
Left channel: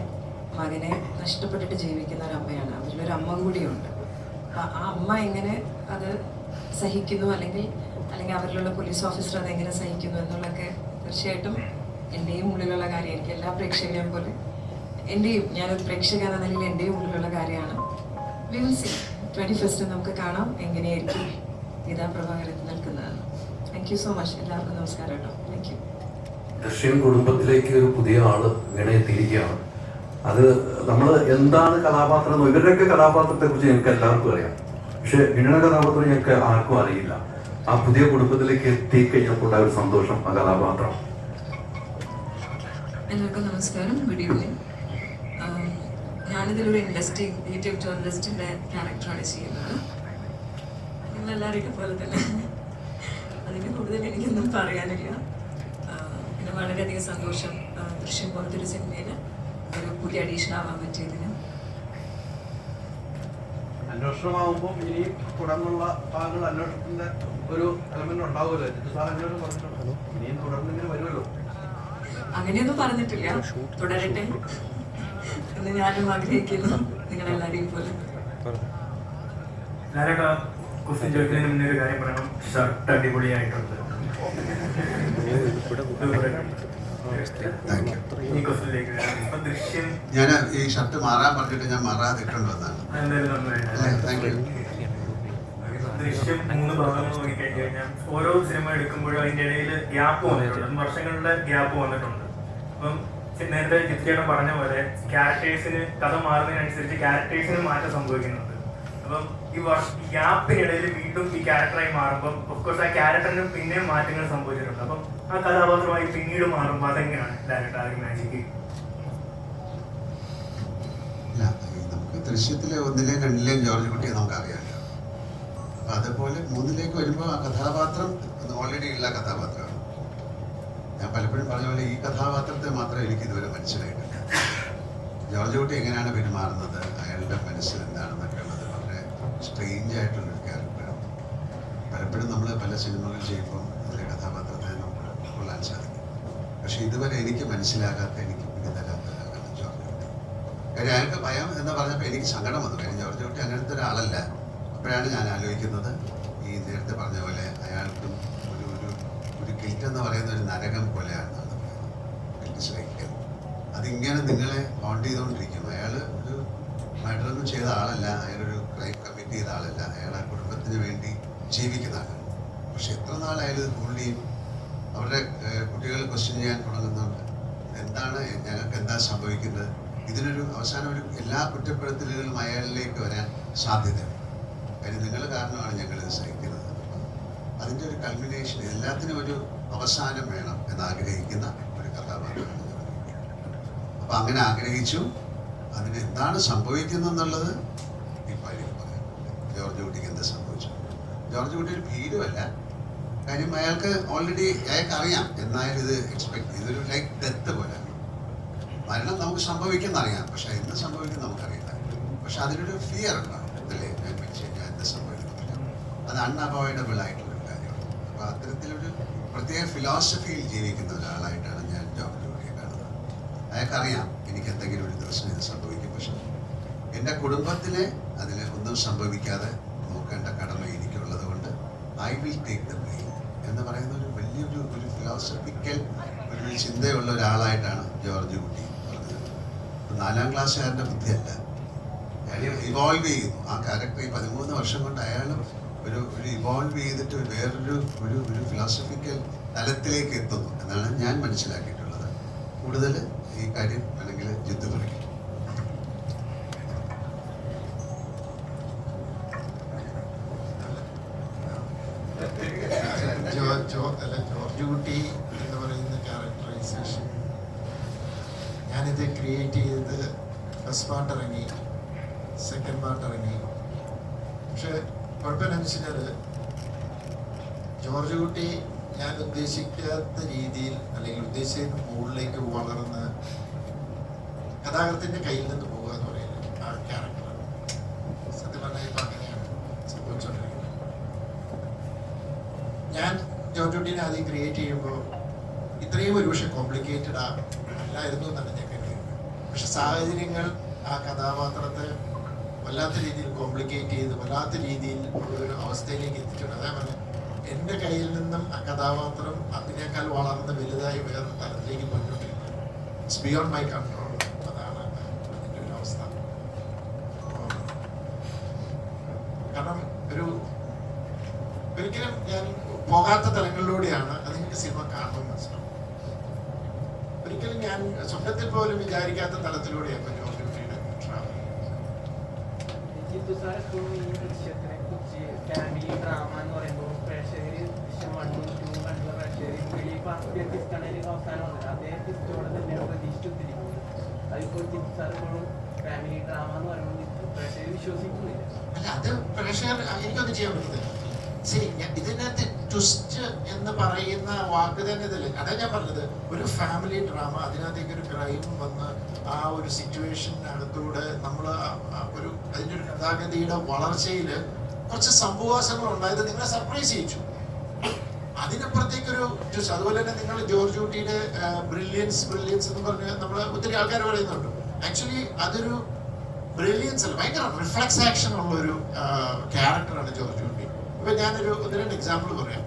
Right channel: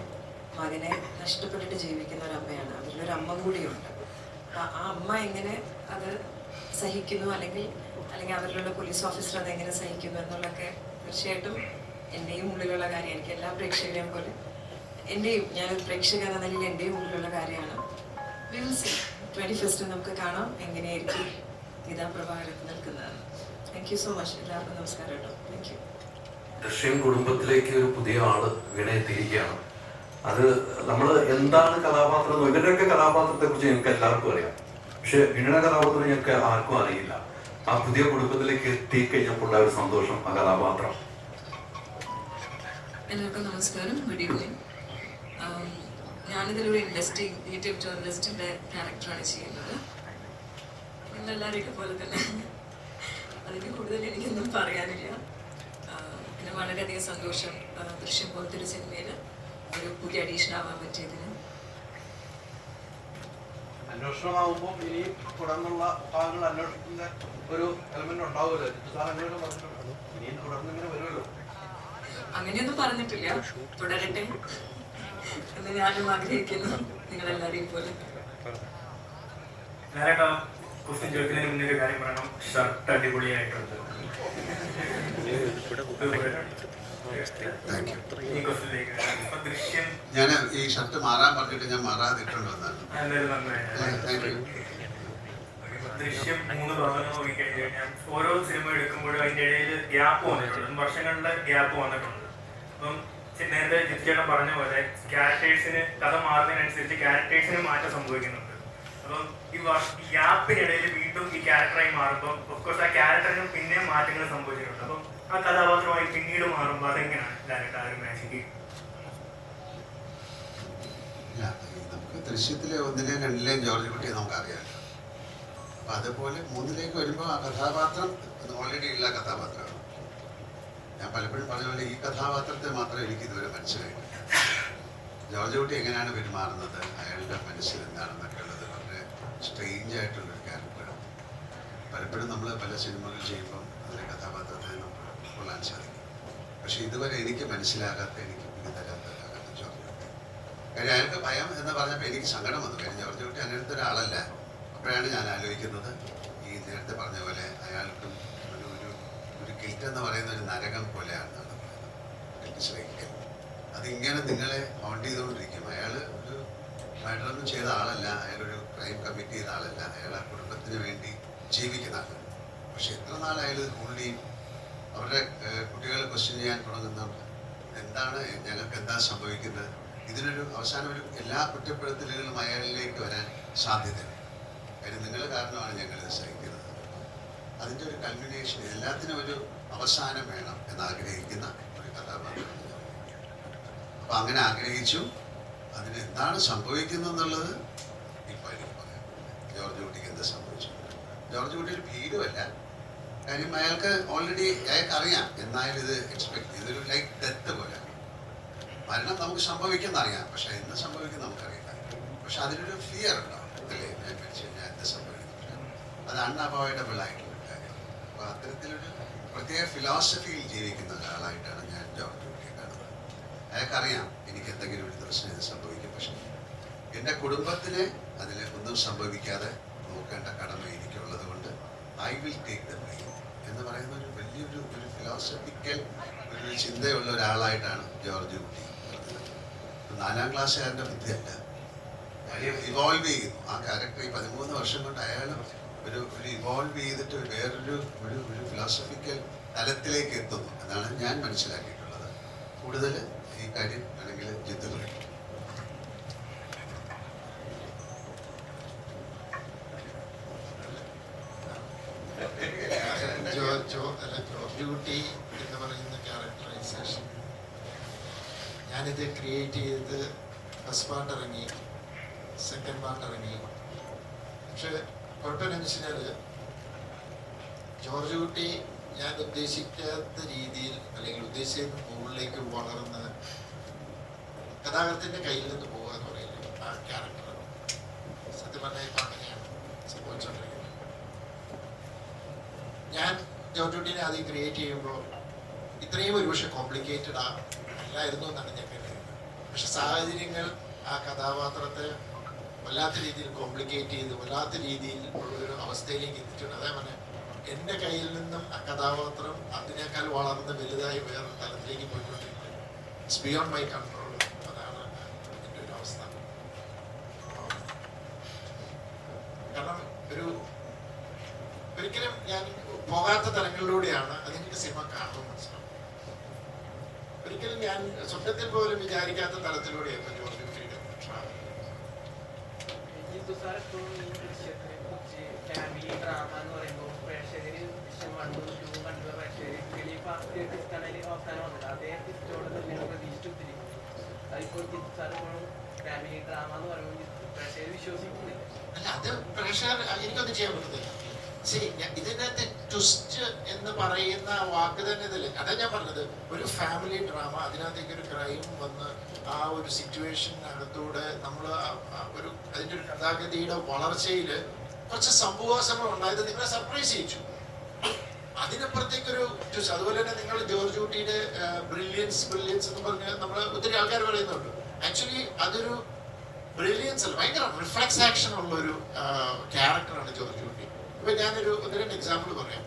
മകനെ നഷ്ടപ്പെട്ടിട്ട് ജീവിക്കുന്ന ഒരു അമ്മയാണ്. അവരിലൊരു അമ്മ കൂടിയുണ്ട്. അപ്പം ആ അമ്മ എങ്ങനെ അത് സഹിക്കുന്നു, അല്ലെങ്കിൽ അവരിലുള്ള പോലീസ് ഓഫീസർ അതെങ്ങനെ സഹിക്കുന്നു എന്നുള്ളതൊക്കെ തീർച്ചയായിട്ടും എൻ്റെയും ഉള്ളിലുള്ള കാര്യം. എനിക്ക് എല്ലാ പ്രേക്ഷകരെയും പോലെ ഞാനൊരു പ്രേക്ഷക എന്ന നിലയിൽ എൻ്റെയും ഉള്ളിലുള്ള കാര്യമാണ്. വി വിൽ സീ 21st നമുക്ക് കാണാം എങ്ങനെയായിരിക്കും ഗീതാപ്രഭാകർ നിൽക്കുന്നത്. Thank you so much. എല്ലാവർക്കും നമസ്കാരം കേട്ടോ. Thank you. ദൃശ്യം കുടുംബത്തിലേക്ക് ഒരു പുതിയ ആള് ഇവിടെ എത്തിയിരിക്കുകയാണ്. അത് നമ്മൾ എന്താണ് കഥാപാത്രം, ഇവരുടെയൊക്കെ കഥാപാത്രത്തെ കുറിച്ച് ഞങ്ങൾക്ക് എല്ലാവർക്കും അറിയാം. പക്ഷെ ഇണയുടെ കഥാപാത്രം ഞങ്ങൾക്ക് ആർക്കും അറിയില്ല. ആ പുതിയ കുടുംബത്തിലേക്ക് എത്തിക്കഴിഞ്ഞപ്പോൾ ഒരു സന്തോഷം ആ കഥാപാത്രം. എല്ലാവർക്കും നമസ്കാരം. Good evening. ഞാനിതിലൊരു ഇൻവെസ്റ്റിഗേറ്റീവ് ജേർണലിസ്റ്റിൻ്റെ ക്യാരക്ടറാണ് ചെയ്യുന്നത്. നിങ്ങളെല്ലാവരെയും പോലെ തന്നെ. അതിന് കൂടുതൽ എനിക്കൊന്നും പറയാനില്ല. പിന്നെ വളരെയധികം സന്തോഷം ദൃശ്യം പോലത്തെ ഒരു സിനിമയിൽ ഒരു പുതിയ അഡീഷൻ ആവാൻ പറ്റിയതിന്. അന്വേഷണമാകുമ്പോൾ ഇനി തുടർന്നുള്ള ഭാഗങ്ങൾ അന്വേഷണത്തിന്റെ ഒരു എലമെന്റ് ഉണ്ടാവുമല്ലോ. അന്വേഷണം പറഞ്ഞിട്ടുണ്ടോ? ഇനിയും തുടർന്നിങ്ങനെ വരുമല്ലോ. അങ്ങനെയൊന്നും പറഞ്ഞിട്ടില്ല. തുടരട്ടെ എന്ന് ഞാനും ആഗ്രഹിക്കുന്നു, നിങ്ങളെല്ലാരെയും പോലെ. ക്വസ്റ്റ്യൻ ചോദിക്കുന്നതിന് മുന്നേ ഒരു കാര്യം പറയണം. ഷർട്ട് അടിപൊളിയായിട്ടുണ്ട്. ഞാൻ ഈ ഷർട്ട് മാറാൻ പറഞ്ഞിട്ട് ഞാൻ മാറാതിട്ടുണ്ടെന്നാണ്. ദൃശ്യം 3 തുറന്നു നോക്കിക്കഴിഞ്ഞാൽ ഓരോ സിനിമ എടുക്കുമ്പോഴും അതിൻ്റെ ഇടയിൽ ഗ്യാപ്പ് വന്നിട്ടുണ്ട്, വർഷങ്ങളുടെ ഗ്യാപ്പ് വന്നിട്ടുണ്ട്. അപ്പം നേരത്തെ ജിത്കേട്ടൻ പറഞ്ഞ പോലെ ക്യാരക്ടേഴ്സിന് കഥ മാറുന്നതിനനുസരിച്ച് ക്യാരക്ടേഴ്സിന് മാറ്റം സംഭവിക്കുന്നുണ്ട്. അപ്പം ഈ ഗ്യാപ്പിനിടയിൽ വീണ്ടും ഈ ക്യാരക്ടറായി മാറുമ്പോൾ ഓഫ്കോഴ്സ് ആ ക്യാരക്ടറിന് പിന്നെയും മാറ്റങ്ങൾ സംഭവിച്ചിട്ടുണ്ട്. അപ്പം ആ കഥാപാത്രമായി പിന്നീട് മാറുമ്പോൾ അതെങ്ങനെയാണ് ഡയറക്ടർ ആ ഒരു മാജിക്? നമുക്ക് ദൃശ്യത്തിലെ 1ലെയും 2ലെയും ജോർജ് കുട്ടിയെ നമുക്കറിയാമല്ലോ. അപ്പം അതുപോലെ 3ലേക്ക് വരുമ്പോൾ ആ കഥാപാത്രം ഓൾറെഡി ഉള്ള കഥാപാത്രമാണ്. ഞാൻ പലപ്പോഴും പറഞ്ഞ പോലെ ഈ കഥാപാത്രത്തെ മാത്രമേ എനിക്ക് ഇതുവരെ മനസ്സിലായിട്ടില്ല. ജോർജ് കുട്ടി എങ്ങനെയാണ് പെരുമാറുന്നത്, അയാളുടെ മനസ്സിൽ എന്താണെന്നൊക്കെ ഉള്ളത് വളരെ സ്ട്രെയിഞ്ച് ആയിട്ടുള്ളൊരു ക്യാരക്ടറാണ്. പലപ്പോഴും നമ്മൾ പല സിനിമകൾ ചെയ്യുമ്പം അതിലെ കഥാപാത്രത്തെ നമുക്ക് ഉൾക്കൊള്ളാൻ സാധിക്കും. പക്ഷെ ഇതുവരെ എനിക്ക് മനസ്സിലാകാത്ത, എനിക്ക് പിടി തരാത്ത ഒരാളാണ് ജോർജ് കുട്ടി. കാര്യം അയാൾക്ക് ഭയം എന്ന് പറഞ്ഞപ്പോൾ എനിക്ക് സങ്കടം വന്നു. കാര്യം ജോർജ് കുട്ടി അങ്ങനത്തെ ഒരാളല്ല. അപ്പോഴാണ് ഞാൻ ആലോചിക്കുന്നത്, ഈ നേരത്തെ പറഞ്ഞ പോലെ അയാൾക്കും ഒരു ഒരു ഒരു കിൽറ്റ് എന്ന് പറയുന്ന ഒരു നരകം പോലെയാണെന്നാണ് കിൽറ്റ് ശ്രഹിക്കൽ. അതിങ്ങനെ നിങ്ങളെ ഹോണ്ട് ചെയ്തുകൊണ്ടിരിക്കും. അയാൾ ഒരു മർഡറൊന്നും ചെയ്ത ആളല്ല, അയാളൊരു ക്രൈം കമ്മിറ്റ് ചെയ്ത ആളല്ല, അയാൾ ആ കുടുംബത്തിന് വേണ്ടി ജീവിക്കുന്ന ആളാണ്. പക്ഷെ എത്ര നാൾ അയാൾ പുള്ളിയും അവരുടെ കുട്ടികൾ ക്വസ്റ്റ്യൻ ചെയ്യാൻ തുടങ്ങുന്നുണ്ട്, എന്താണ് ഞങ്ങൾക്ക് എന്താ സംഭവിക്കുന്നത്, ഇതിനൊരു അവസാനം ഒരു എല്ലാ കുറ്റപ്പെടുത്തലുകളും അയാളിലേക്ക് വരാൻ സാധ്യതയുണ്ട്. കാര്യം നിങ്ങൾ കാരണമാണ് ഞങ്ങളിത് സഹിക്കുന്നത്. അതിൻ്റെ ഒരു കൾമിനേഷൻ, എല്ലാത്തിനും ഒരു അവസാനം വേണം എന്നാഗ്രഹിക്കുന്ന ഒരു കഥാപാത്രമാണ് ജോർജ് കുട്ടി. അപ്പം അങ്ങനെ ആഗ്രഹിച്ചു. അതിന് എന്താണ് സംഭവിക്കുന്നതെന്നുള്ളത് ഇപ്പം എനിക്ക് പറയാം. ജോർജ് കുട്ടിക്ക് എന്ത് സംഭവിച്ചു? ജോർജ് കുട്ടി ഒരു ഭീരുവല്ല. കാര്യം അയാൾക്ക് ഓൾറെഡി അയാൾക്കറിയാം എന്നായാലും ഇത് എക്സ്പെക്ട് ചെയ്തൊരു ലൈക്ക് ഡെത്ത് പോലെയാണ്. മരണം നമുക്ക് സംഭവിക്കുന്ന അറിയാം, പക്ഷെ എന്ത് സംഭവിക്കും നമുക്കറിയില്ല. പക്ഷെ അതിനൊരു ഫിയർ ഉണ്ടാവും, അല്ലേ? ഞാൻ മരിച്ചു കഴിഞ്ഞാൽ എന്ത് സംഭവിക്കുന്നില്ല, അത് അൺഅവോയ്ഡബിൾ ആയിട്ടുള്ളൊരു കാര്യം. അപ്പോൾ അത്തരത്തിലൊരു പ്രത്യേക ഫിലോസഫിയിൽ ജീവിക്കുന്ന ഒരാളായിട്ടാണ് ഞാൻ ജോർജ് കുട്ടിയെ കാണുന്നത്. അയാൾക്കറിയാം എനിക്ക് എന്തെങ്കിലും ഒരു ദിവസം ഇത് സംഭവിക്കും, പക്ഷെ എൻ്റെ കുടുംബത്തിന് അതിൽ ഒന്നും സംഭവിക്കാതെ നോക്കേണ്ട കടമ എനിക്കുള്ളത് കൊണ്ട് I will take the blame എന്ന് പറയുന്ന ഒരു വലിയൊരു ഒരു ഫിലോസഫിക്കൽ ഒരു ചിന്തയുള്ള ഒരാളായിട്ടാണ് ജോർജ് കുട്ടി പറഞ്ഞത്. 4ാം ക്ലാസ്സുകാരൻ്റെ ബുദ്ധിയല്ല, അയാൾ ഇവോൾവ് ചെയ്യുന്നു. ആ ക്യാരക്ടർ ഈ 13 വർഷം കൊണ്ട് അയാൾ ഒരു ഇവോൾവ് ചെയ്തിട്ട് വേറൊരു ഒരു ഒരു ഫിലോസഫിക്കൽ തലത്തിലേക്ക് എത്തുന്നു എന്നാണ് ഞാൻ മനസ്സിലാക്കിയിട്ടുള്ളത്. കൂടുതൽ ഈ കാര്യം ആണെങ്കിൽ ജിദ്ദ് പറയും. ജോർജ് കുട്ടി എന്ന് പറയുന്ന ക്യാരക്ടറൈസേഷൻ ഞാനിത് ക്രിയേറ്റ് ചെയ്ത് ഫസ്റ്റ് പാർട്ട് ഇറങ്ങി, സെക്കൻഡ് പാർട്ട് ഇറങ്ങി. പക്ഷെ കുഴപ്പമെന്ന് വെച്ചാൽ ജോർജ് കുട്ടി ഞാൻ ഉദ്ദേശിക്കാത്ത രീതിയിൽ അല്ലെങ്കിൽ ഉദ്ദേശിച്ച മുകളിലേക്ക് വളർന്ന് കഥാകൃത്തിന്റെ കയ്യിൽ നിന്ന് പോകുക എന്ന് പറയുന്നത് ആ ക്യാരക്ടർ സത്യം പറഞ്ഞാൽ ഇപ്പം അങ്ങനെയാണ് സംഭവിച്ചുകൊണ്ടിരിക്കുന്നത്. ഞാൻ ജോർജ് കുട്ടീനെ ആദ്യം ക്രിയേറ്റ് ചെയ്യുമ്പോൾ ഇത്രയും ഒരുപക്ഷെ കോംപ്ലിക്കേറ്റഡ് അല്ലായിരുന്നു എന്നാണ് ഞാൻ കരുതുന്നത്. പക്ഷെ സാഹചര്യങ്ങൾ ആ കഥാപാത്രത്തെ വല്ലാത്ത രീതിയിൽ കോംപ്ലിക്കേറ്റ് ചെയ്ത് വല്ലാത്ത രീതിയിൽ ഉള്ളൊരു അവസ്ഥയിലേക്ക് എത്തിച്ചിട്ടുണ്ട്. അതേപോലെ എൻ്റെ കയ്യിൽ നിന്നും ആ കഥാപാത്രം അതിനേക്കാൾ വളർന്ന് വലുതായി വേറെ തലത്തിലേക്ക് പോയിക്കൊണ്ടിരിക്കുന്നത്. It's beyond my control. അതാണ് എൻ്റെ ഒരു അവസ്ഥ. കാരണം ഒരിക്കലും ഞാൻ പോകാത്ത തലങ്ങളിലൂടെയാണ് അതെനിക്ക് സിനിമ കാണുമ്പോൾ മനസ്സിലാവും. ഒരിക്കലും ഞാൻ സ്വപ്നത്തിൽ പോലും വിചാരിക്കാത്ത തലത്തിലൂടെയാണ് ജോർജ് കുട്ടിയുടെ ട്രാവൽ. ജിത്തു സാർ ഇപ്പോൾ ഈ ദൃശ്യത്തിനെ കുറിച്ച് ഫാമിലി ഡ്രാമ എന്ന് പറയുമ്പോൾ പ്രേക്ഷകർ ദൃശ്യം 1, 2 കണ്ടുള്ള പ്രേക്ഷകർ ഈ ഫസ്റ്റ് ട്വിസ്റ്റാണെങ്കിൽ അവസാനം വന്നത് അതേ ട്വിസ്റ്റോടെ തന്നെയാണ് പ്രതീക്ഷിച്ചിരിക്കുന്നത്. അതിപ്പോൾ ജിത്തു സാർ ഇപ്പോഴും ഫാമിലി ഡ്രാമ എന്ന് പറയുമ്പോൾ പ്രേക്ഷകർ വിശ്വസിക്കുന്നില്ല. അല്ല, അത് പ്രേക്ഷകർ എനിക്കൊന്നും ചെയ്യാൻ പറ്റുന്നില്ല. ശരി, ഇതിനകത്ത് ട്വിസ്റ്റ് എന്ന് പറയുന്ന വാക്ക് തന്നെ ഇതില്ല. അതാ ഞാൻ പറഞ്ഞത്, ഒരു ഫാമിലി ഡ്രാമ, അതിനകത്തേക്ക് ഒരു ക്രൈം വന്ന് ആ ഒരു സിറ്റുവേഷനകത്തൂടെ നമ്മൾ ഒരു അതിൻ്റെ ഒരു കഥാഗതിയുടെ വളർച്ചയിൽ കുറച്ച് സംഭവവാസങ്ങൾ ഉണ്ടായത് നിങ്ങളെ സർപ്രൈസ് ചെയ്യിച്ചു. അതിനപ്പുറത്തേക്കൊരു ട്വിസ്റ്റ്. അതുപോലെ തന്നെ നിങ്ങൾ ജോർജ് കുട്ടിയുടെ ബ്രില്യൻസ് എന്ന് പറഞ്ഞ് നമ്മൾ ഒത്തിരി ആൾക്കാർ പറയുന്നുണ്ട്. ആക്ച്വലി അതൊരു ബ്രില്യൻസ് അല്ല, ഭയങ്കര റിഫ്ലക്സ് ആക്ഷൻ ഉള്ള ഒരു ക്യാരക്ടറാണ് ജോർജ് കുട്ടി. ഇപ്പൊ ഞാനൊരു 1-2 എക്സാമ്പിൾ പറയാം.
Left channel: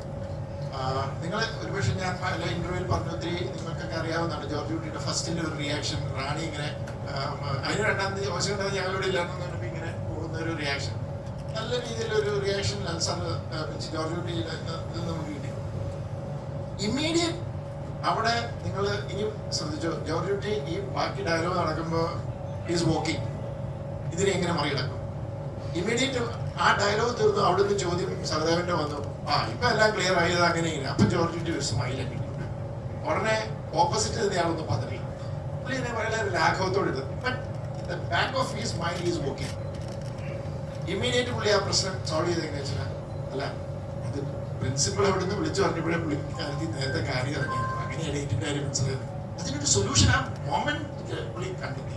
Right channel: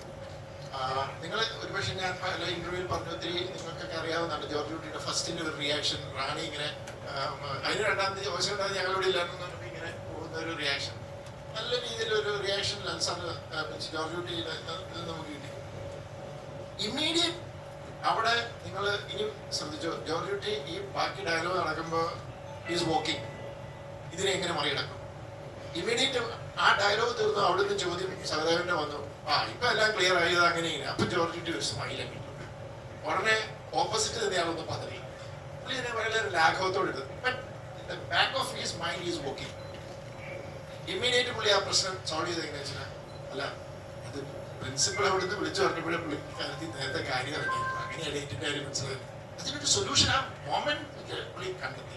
നിങ്ങൾ ഒരുപക്ഷെ ഞാൻ പല ഇന്റർവ്യൂവിൽ പറഞ്ഞു, ഒത്തിരി നിങ്ങൾക്കൊക്കെ അറിയാവുന്നതാണ് ജോർജ് കുട്ടിയുടെ ഫസ്റ്റിന്റെ ഒരു റിയാക്ഷൻ. റാണി ഇങ്ങനെ അതിന് 2ാം തീയതി ഓശം ഞങ്ങളോട് ഇല്ലായിരുന്നു ഇങ്ങനെ പോകുന്ന ഒരു റിയാക്ഷൻ, നല്ല രീതിയിലൊരു റിയാക്ഷൻ ജോർജ് കുട്ടി നമുക്ക് കിട്ടി. ഇമ്മീഡിയറ്റ് അവിടെ നിങ്ങൾ ഇനിയും ശ്രദ്ധിച്ചോ, ജോർജ് കുട്ടി ഈ ബാക്കി ഡയലോഗ് നടക്കുമ്പോൾ ഈസ് വാക്കിംഗ്, ഇതിനെ എങ്ങനെ മറികടക്കും? ഇമ്മീഡിയറ്റ് ആ ഡയലോഗ് തീർന്നു. അവിടുന്ന് ചോദ്യം സഹദേവന്റെ വന്നു, ഇപ്പൊ എല്ലാം ക്ലിയർ ആയത് അങ്ങനെ ഇങ്ങനെ. അപ്പൊ ജോർജിന്റെ ഒരു സ്മൈലൊക്കെ ഉടനെ ഓപ്പോസിറ്റ് തന്നെയാളൊന്ന് പതറി. പുള്ളിനെ വളരെ ലാഘവത്തോട് ഇത്. But back of his mind is working. Immediate പുള്ളി ആ പ്രശ്നം സോൾവ് ചെയ്ത് എങ്ങനെ വെച്ചാൽ, അല്ല അത് പ്രിൻസിപ്പൾ അവിടെ നിന്ന് വിളിച്ചു പറഞ്ഞപ്പോഴേ പുള്ളിക്കാരത്തി നേരത്തെ കാര്യം ഇറങ്ങിയിരുന്നു. അങ്ങനെ എഡിറ്റിന്റെ കാര്യം മനസ്സിലായിരുന്നു. അതിനൊരു സൊല്യൂഷൻ ആ മൊമെന്റ് പുള്ളി കണ്ടെത്തി.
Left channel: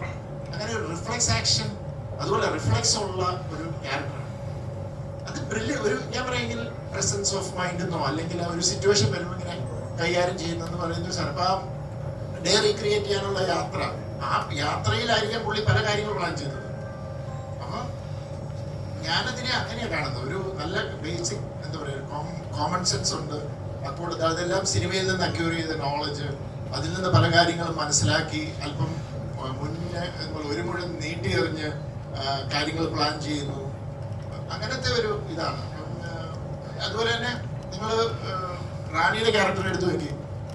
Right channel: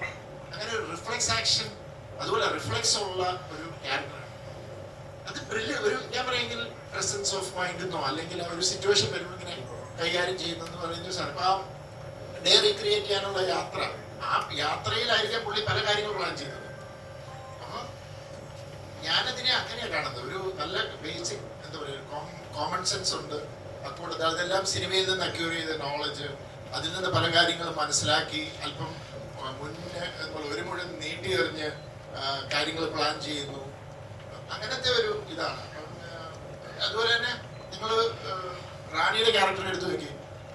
അങ്ങനെ ഒരു റിഫ്ലെക്സ് ആക്ഷൻ, അതുപോലെ റിഫ്ലെക്സ് ഉള്ള ഒരു ക്യാരക്ടറാണ് അത്. ഒരു ഞാൻ പറയുമെങ്കിൽ പ്രസൻസ് ഓഫ് മൈൻഡ് എന്നോ അല്ലെങ്കിൽ ആ ഒരു സിറ്റുവേഷൻ വരുമ്പോൾ ഇങ്ങനെ കൈകാര്യം ചെയ്യുന്നെന്ന് പറയുന്ന സാധനം. ആ ഡേ റീക്രിയേറ്റ് ചെയ്യാനുള്ള യാത്ര, ആ യാത്രയിലായിരിക്കാം പുള്ളി പല കാര്യങ്ങൾ പ്ലാൻ ചെയ്തത്. അപ്പോൾ ഞാനതിനെ അങ്ങനെയാണ് കാണുന്നത്. ഒരു നല്ല ബേസിക് എന്താ പറയുക കോമൺ സെൻസ് ഉണ്ട്. അതുകൊണ്ട് അതെല്ലാം സിനിമയിൽ നിന്ന് അക്യൂർ ചെയ്ത നോളജ്, അതിൽ നിന്ന് പല കാര്യങ്ങളും മനസ്സിലാക്കി അല്പം മുന്നേ ഒരു മുഴുവൻ നീട്ടി എറിഞ്ഞ് കാര്യങ്ങൾ പ്ലാൻ ചെയ്യുന്നു. അങ്ങനത്തെ ഒരു ഇതാണ്. അതുപോലെ തന്നെ നിങ്ങൾ റാണിയുടെ ക്യാരക്ടർ എടുത്തു നോക്കി.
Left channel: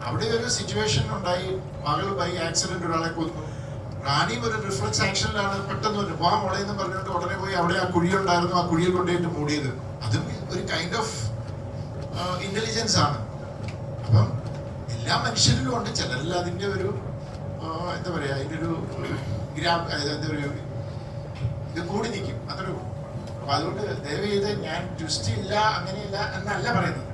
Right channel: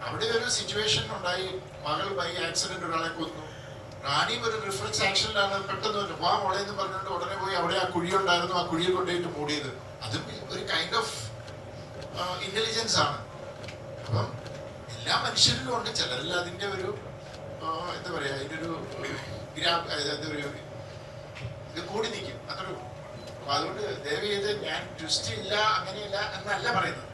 അവിടെ ഒരു സിറ്റുവേഷൻ ഉണ്ടായി, മകൾ ബൈ ആക്സിഡന്റ് ഒരാളെ കൊന്നു. റാണിയും ഒരു റിഫ്ലെക്സ് ആക്ഷനിലാണ് പെട്ടെന്ന് ഒരു പോകാൻ മുളയെന്ന് പറഞ്ഞിട്ട് ഉടനെ പോയി അവിടെ ആ കുഴി ഉണ്ടായിരുന്നു, ആ കുഴിയിൽ കൊണ്ടുപോയിട്ട് മൂടിയത്. അതും ഒരു കൈൻഡ് ഓഫ് ഇന്റലിജൻസ് ആണ്. അപ്പം എല്ലാ മനുഷ്യരിലും ഉണ്ട്. ചിലരിൽ അതിന്റെ ഒരു എന്താ പറയാ, അതിന്റെ ഒരു എന്താ ഒരു ഇത് കൂടി നിൽക്കും അതൊരു. അപ്പൊ അതുകൊണ്ട് ദയവ് ചെയ്ത് ഞാൻ ട്വിസ്റ്റ് ഇല്ല അങ്ങനെയില്ല എന്നല്ല പറയുന്നത്.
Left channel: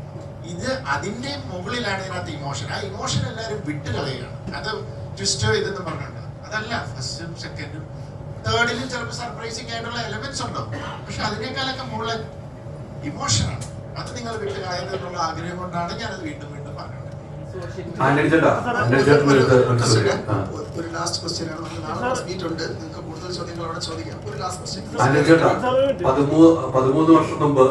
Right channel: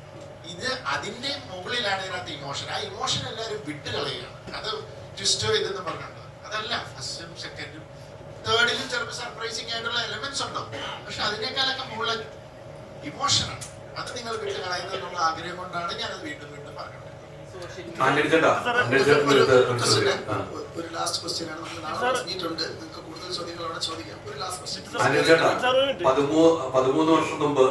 ഇത് അതിന്റെ മുകളിലാണ് ഇതിനകത്ത് ഇമോഷൻ. ആ ഇമോഷൻ എല്ലാവരും വിട്ട് കളയുകയാണ്. അത് ട്വിസ്റ്റോ ഇതെന്ന് പറഞ്ഞിട്ടുണ്ട്. അതല്ല, ഫസ്റ്റും സെക്കൻഡും തേർഡിലും ചിലപ്പോൾ സർപ്രൈസിങ് ആയിട്ടുള്ള എലമെന്റ്സ് ഉണ്ടാവും. പക്ഷെ അതിനേക്കാളൊക്കെ മുകളിൽ ഇമോഷനാണ്. അത് നിങ്ങൾ വിട്ട് കളയുന്നതെന്നുള്ള ആഗ്രഹം കൊണ്ടാണ് ഞാനത് വീണ്ടും വീണ്ടും പറഞ്ഞത്. ഒരു ലാസ്റ്റ് ക്വസ്റ്റ്യൻ ആണ്. നമുക്ക് നാളെ മീറ്റ് ഉണ്ട്, നിങ്ങൾക്ക് കൂടുതൽ ചോദ്യങ്ങൾ അവിടെ ചോദിക്കാം. ഒരു ലാസ്റ്റ് ക്വസ്റ്റ്യൻ. 13 വർഷം മുമ്പ്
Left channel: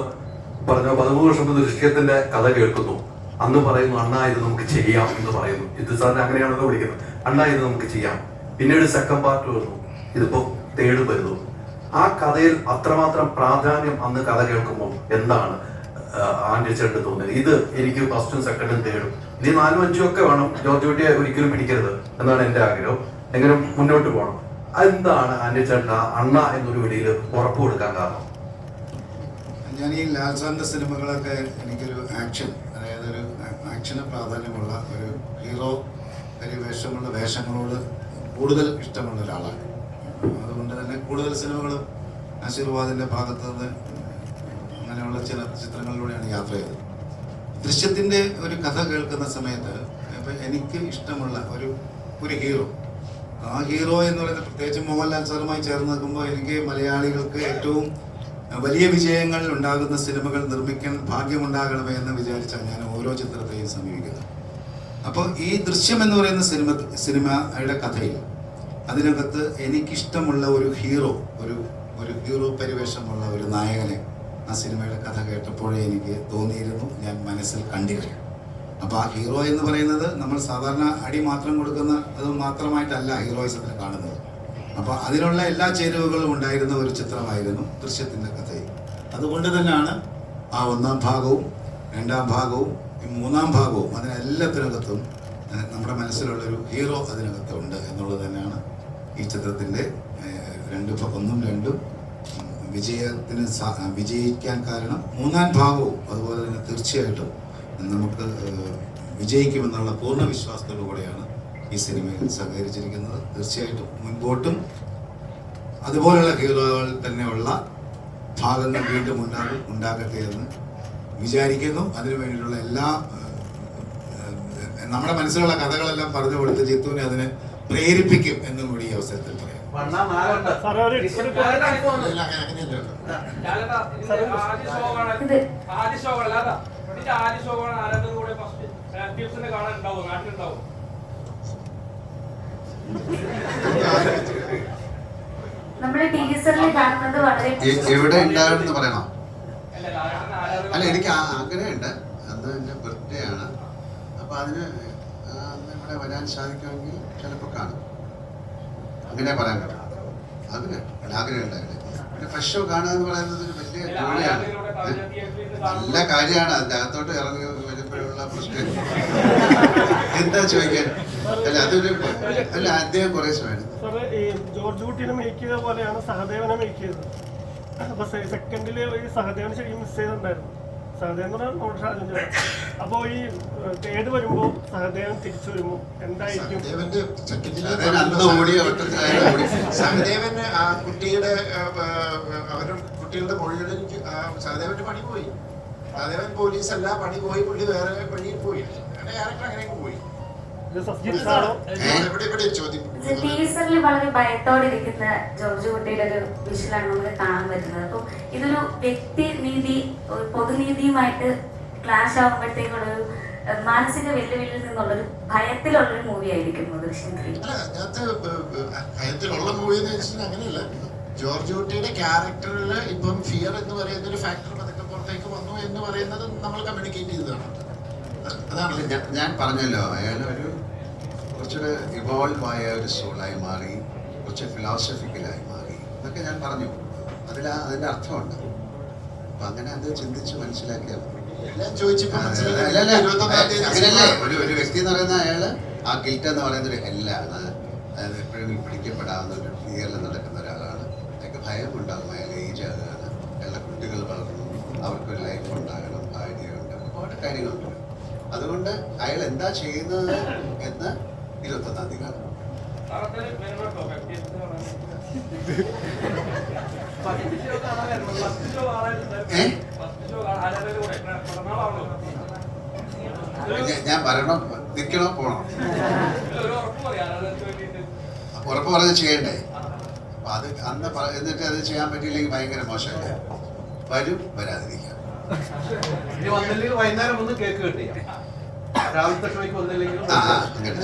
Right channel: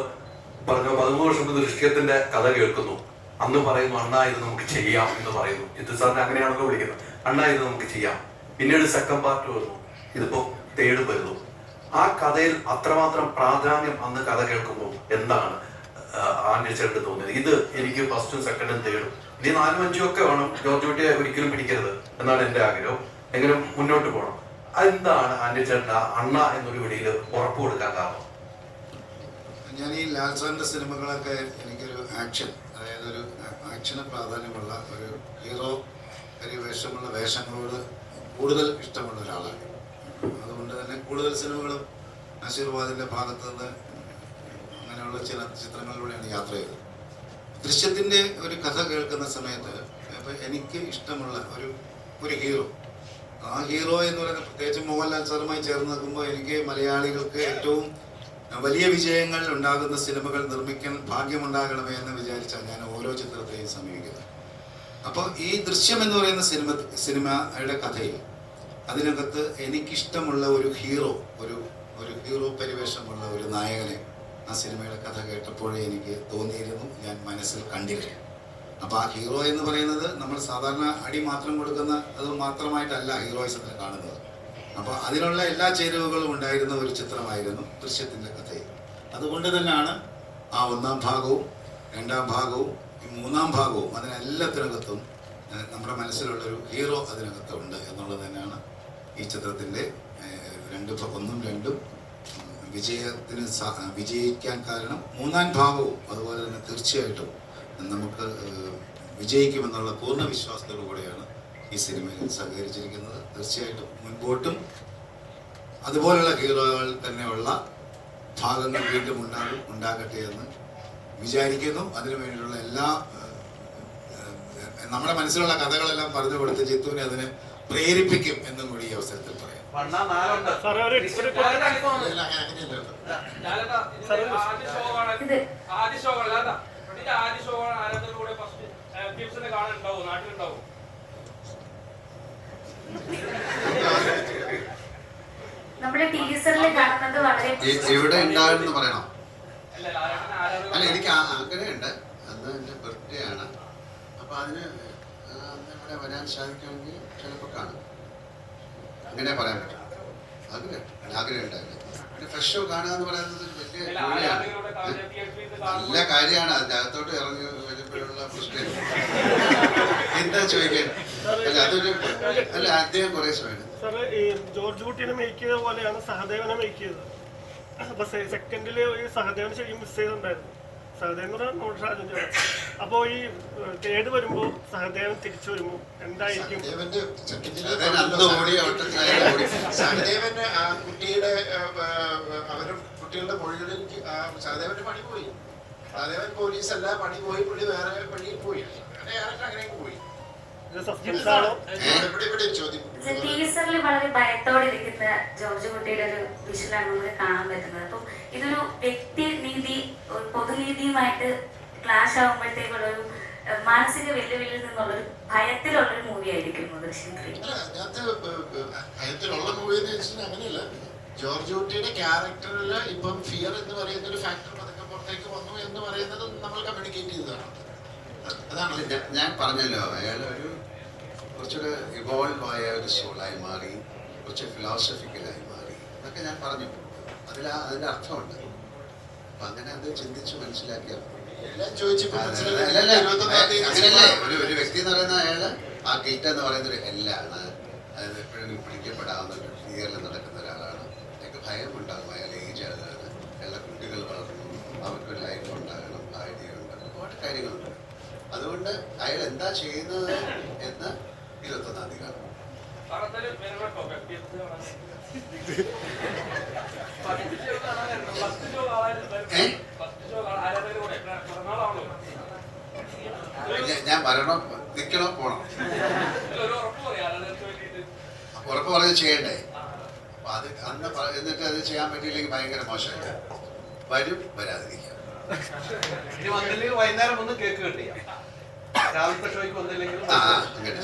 പറഞ്ഞ 13 വർഷം മുമ്പ് ദൃശ്യത്തിന്റെ കഥ കേൾക്കുന്നു. അന്ന് പറയുന്നു അണ്ണാ ഇത് നമുക്ക് ചെയ്യാം എന്ന് പറയുന്നു. ഇത് സാറിന് അങ്ങനെയാണല്ലോ വിളിക്കുന്നത്. അണ്ണാ ഇത് നമുക്ക് ചെയ്യാം. പിന്നീട് സെക്കൻഡ് പാർട്ട് വരുന്നു, ഇതിപ്പോ തേർഡ് വരുന്നു. ആ കഥയിൽ അത്രമാത്രം പ്രാധാന്യം അന്ന് കഥ കേൾക്കുമ്പോൾ എന്താണ് ആൻഡ്രി ചേട്ടന് തോന്നിയത്? ഇത് എനിക്ക് ഫസ്റ്റും സെക്കൻഡും തേർഡും ഇനി 4ഉം 5ഉം ഒക്കെ വേണം. ജോർജ് കുട്ടിയെ ഒരിക്കലും പിടിക്കരുത് എന്നാണ് എന്റെ ആഗ്രഹം. എങ്ങനെ മുന്നോട്ട് പോകണം. എന്താണ് ആൻഡ്രി ചേട്ടൻ അണ്ണ എന്നൊരു വിളിയിൽ ഉറപ്പ് കൊടുക്കാൻ കാരണം? ഞാൻ ഈ ലാൽ സാറിന്റെ സിനിമകളൊക്കെ എനിക്കൊരു ആക്ഷൻ, അതായത് ഒരു ആക്ഷന് പ്രാധാന്യമുള്ള ഒരു ഹീറോ പരിവേഷമുള്ള വേഷങ്ങളോട് കൂടുതൽ ഇഷ്ടമുള്ള ഒരാളാണ്. അതുകൊണ്ട് തന്നെ കൂടുതൽ സിനിമകളും ആശീർവാദിന്റെ ഭാഗത്ത് നിന്ന് അങ്ങനെയുള്ള ചില ചിത്രങ്ങളിലൂടെയാണ് യാത്ര ചെയ്തത്. ദൃശ്യത്തിന്റെ ഒരു കഥ കേൾക്കുന്ന സമയത്ത് ഇപ്പം എനിക്ക് ഇഷ്ടമുള്ള ഒരു ഹീറോ, ആ ഹീറോ എന്ന് പറയുന്നത് പ്രത്യേകിച്ച് മോഹൻലാൽ സാറുമായി ചേർന്ന് നിൽക്കുമ്പോൾ എനിക്ക് മലയാളികൾക്ക് ഏറ്റവും വലിയ വിജയങ്ങൾ ഉണ്ടാകുന്ന സിനിമകൾ നിർമ്മിക്കാൻ ഭാഗ്യമുണ്ടാകണമേ എന്ന് വിചാരിച്ചാണ് ഞാൻ ഓരോ ചിത്രത്തെയും സമീപിക്കുന്നത്. അപ്പോൾ ഈ ദൃശ്യം എന്ന് പറയുന്ന സിനിമയുടെ കഥയിൽ അതിനകത്ത് എനിക്കിഷ്ടമുള്ള ഒരു ഹീറോ, ഒരു ഹീറോ പരിവേഷമുള്ള ഒരു നായകനെ ആ സിനിമയുടെ കഥ കേട്ടപ്പോഴേ എനിക്ക് തോന്നിയിരുന്നു, ഞാൻ മനസ്സിൽ കണ്ടിരുന്നു. അപ്പോൾ ആ ഹീറോ എന്ന് പറയുന്നത് നമ്മൾ സാധാരണ അടി മാത്രം കൊടുക്കുന്ന അത് മാത്രമായിട്ടല്ല ഹീറോയിസത്തിന് കാണുന്നത്. അപ്പോൾ അതിനുള്ള എല്ലാ ചേരുവകളും ഉണ്ടായിരുന്ന ഒരു ചിത്രമായിരുന്നു ദൃശ്യത്തിൻ്റെ കഥയിൽ. അതുകൊണ്ട് തന്നെയാണ് ആ 1ാം ഭാഗവും 2ാം ഭാഗവും ഈ 3ാം ഭാഗവും അതിനെല്ലാത്തിനകത്തും നമ്മുടെ മനസ്സിലുള്ളൊരു ഹീറോ അതിനകത്തുണ്ട് എന്നുള്ളത് തന്നെയാണ് ഈ ചിത്രത്തിൻ്റെ 1ഉം 2ഉം വിജയിക്കാൻ കാരണം. 3ാം ഭാഗവും അതുപോലെ തന്നെ തീർച്ചയായിട്ടും നമുക്ക് വിജയിക്കുമെന്നുള്ള പൂർണ്ണ വിശ്വാസത്തോടു കൂടിയാണ് ഈ സിനിമയിൽ സഹകരിച്ചിരിക്കുന്നത്. തീർച്ചയായിട്ടും മുൻപോട്ടും അതുപോലെയുള്ള ഹീറോകൾ തന്നെയുള്ള ഭാഗങ്ങൾ വീണ്ടും ഉണ്ടാകട്ടെ എന്ന് വിചാരിക്കുന്നു. അതിനു വേണ്ടിയിട്ടുള്ള എല്ലാ നമ്മുടെ മനസ്സിലുള്ള കഥകളെല്ലാം പറഞ്ഞു കൊടുത്ത് ജിത്തുവിനെ അതിനെ പ്രേരിപ്പിക്കും എന്നും കൂടി ഈ അവസരത്തിൽ പറയാം. എവിടെ ഉണ്ടാകുമെന്ന് പറയണോ? അല്ല, എനിക്ക് ആഗ്രഹമുണ്ട്. അന്ന് എൻ്റെ ബർത്ത്ഡേ ആണ്. അപ്പൊ അതിന് അന്ന് ഇവിടെ വരാൻ സാധിക്കുമെങ്കിൽ ചിലപ്പോൾ കാണും. അങ്ങനെ പറയാൻ പറ്റും. ആഗ്രഹം ഉണ്ടാവില്ല. പിന്നെ ഫസ്റ്റ് ഷോ കാണുക എന്ന് പറയുന്നത് ഒരു വലിയ ജോലിയാണ്, നല്ല കാര്യമാണ്. അതിൻ്റെ അകത്തോട്ട് ഇറങ്ങി വരുമ്പോഴുള്ള പ്രശ്നം എന്താ ചോദിക്കാൻ? അല്ല, അതൊരു അല്ല അദ്ദേഹം കുറേ സമയം ജോർജ് കുട്ടീനെ മേക്ക് ചെയ്ത പോലെയാണ് സഹദേവനെ മേക്ക് ചെയ്തത്. അപ്പൊ സെക്കൻഡില് ഈ സഹദേവനെ ശരിക്കും മിസ് ചെയ്തിട്ടുണ്ടായിരുന്നു. സഹദേവൻ അപ്പൊ ഈ തേട് വരുമ്പോ സഹദേവൻ തിരിച്ചു വരുമ്പോ എന്തായിരിക്കും? സഹദേവന് ആ കുട്ടിയുടെ കുട്ടികളുടെ മൊഴികളിൽ സഹദേവന്റെ പണി പോയി. സഹദേവൻ പോലീസല്ല, പണി പോയി, പുള്ളി വേറെ വഴിയിൽ പോയി. അങ്ങനെ ക്യാരക്ടർ അങ്ങനെയൊക്കെ പോയി. ഇത് സസ്പെൻസ് ആണോ? ടീസറിൽ വളരെ ഭയത്തോടെ ഇരിക്കുന്ന ജോർജ് കുട്ടിയുടെ ഒരു വിഷ്വലാണ് നമുക്ക് കാണാൻ പറ്റുന്നത്. അപ്പോൾ ഇതൊരു വ്യക്തിനീതി പൊതുനീതിയുമായിട്ട് ക്ലാഷ് ആകുമ്പോഴത്തേക്കുള്ളൊരു മാനസിക വെല്ലുവിളിയിൽ നിന്നുള്ളൊരു ഭയത്തിലുള്ളൊരു മൂവി ആയിരിക്കും ദൃശ്യം 3. ഭയത്തിലുള്ള മൂവി എന്ന് വെച്ചാൽ അങ്ങനെയല്ല. ജോർജ് കുട്ടിയുടെ ക്യാരക്ടറിൽ ഇപ്പം ഫിയർ എന്ന് പറയുന്ന ഒരു ഫാക്ടർ അതൊക്കെ പുറത്തേക്ക് വന്നു എന്ന് പറയുന്നത് നമ്മൾ കമ്മ്യൂണിക്കേറ്റ് ചെയ്തതാണ്. അതാണല്ലോ ഞാൻ പറഞ്ഞല്ലോ, അയാൾ ഒരു കുറച്ചുകൂടെ ഇവോൾവ് ആയ ഒരു സോളായി മാറി, കുറച്ച് ഫിലോസഫിക്കലായി മാറി എന്നൊക്കെ ഞാൻ പറഞ്ഞു. അതിൻ്റെ അർത്ഥമുണ്ട്. അപ്പം അങ്ങനെ അത് ചിന്തിച്ച് മനസ്സിലാക്കിയാൽ അങ്ങനല്ലേ ഒരു വ്യക്തി എന്ന് പറയുന്ന അയാള് ആ ഗിൽറ്റ് എന്ന് പറയുന്ന ഒരു ഹെല്ലാണ്. അതായത് എപ്പോഴും പിടിക്കപ്പെടാവുന്ന ഒരു ഫിയറിൽ നടക്കുന്ന ഒരാളാണ്. അയാൾക്ക് ഭയം ഉണ്ടാകും. അയാൾ ഏജ് ആകാണ്, അയാളുടെ കുട്ടികൾ വളർന്നു, അവർക്കൊരു ലൈഫ് ഉണ്ടാകണം, ഭാര്യയുണ്ട്, ഒരുപാട് കാര്യങ്ങളുണ്ട്. അതുകൊണ്ട് അയാൾ എന്താ ചെയ്യുന്നത് എന്ന് 21-ാം തീയതി കാണാം. ഞാൻ വരണോ, നിൽക്കണോ, പോണോ? ഉറപ്പ് പറഞ്ഞ് ചെയ്യണ്ടേ? അപ്പൊ അത് അന്ന് എന്നിട്ട് അത് ചെയ്യാൻ പറ്റിയില്ലെങ്കിൽ ഭയങ്കര മോശമല്ല. വരും, വരാതിരിക്കാം. ഇനി വന്നില്ലെങ്കിൽ വൈകുന്നേരം ഒന്ന് കേക്ക് കിട്ടിയ രാവിലത്തെ ഷോയ്ക്ക് വന്നില്ലെങ്കിലും അങ്ങനെ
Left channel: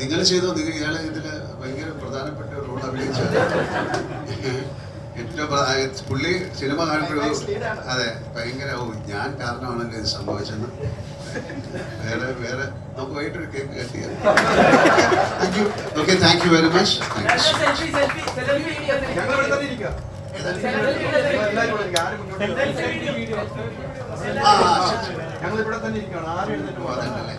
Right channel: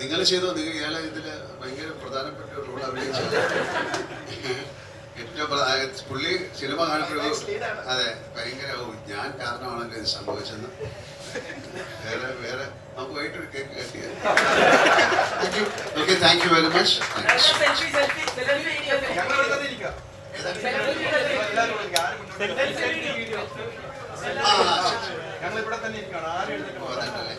നിങ്ങൾ ചെയ്തോ. ഇയാളെ ഇതില് ഭയങ്കര പ്രധാനപ്പെട്ട റോൾ അഭിനയിച്ച ഏറ്റവും പുള്ളി സിനിമ കാണുമ്പോഴും അതെ ഭയങ്കര ഞാൻ കാരണമാണെങ്കിൽ ഇത് സംഭവിച്ചെന്ന്. വേറെ നമുക്ക് വൈകിട്ടൊരു കേക്ക് കട്ടിയ. Okay, thank you very much. ഞങ്ങൾ ഇവിടെ തന്നെ ഇരിക്കാം. ഞങ്ങൾ ഇവിടെ തന്നെ ഇരിക്കുകയാണ്. ആരും എഴുന്നേറ്റ് പോകാനല്ലേ?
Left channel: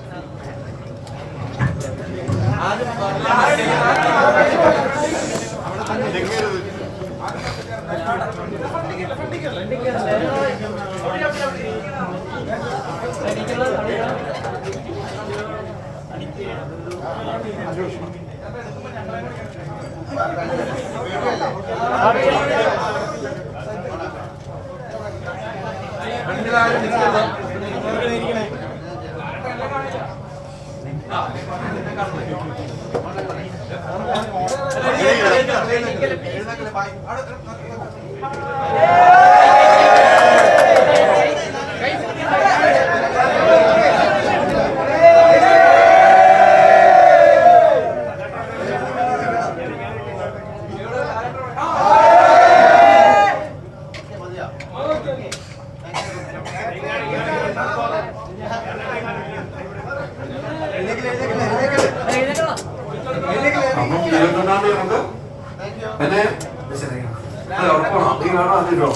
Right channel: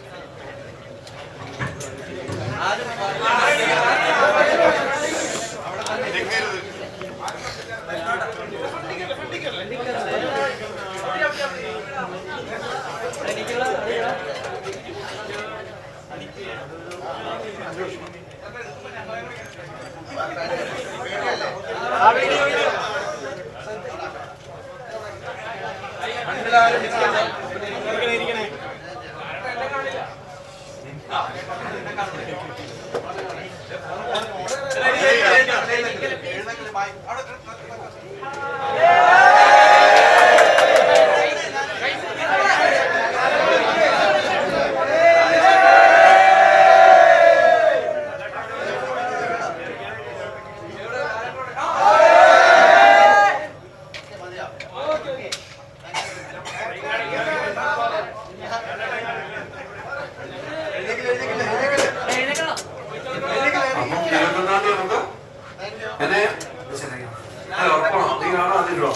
അവിടെ തന്നെ മണ്ണിലാരും നിൽക്കുന്നത് ഉറപ്പാണോ? നീ കാണാൻ അതില്ലോ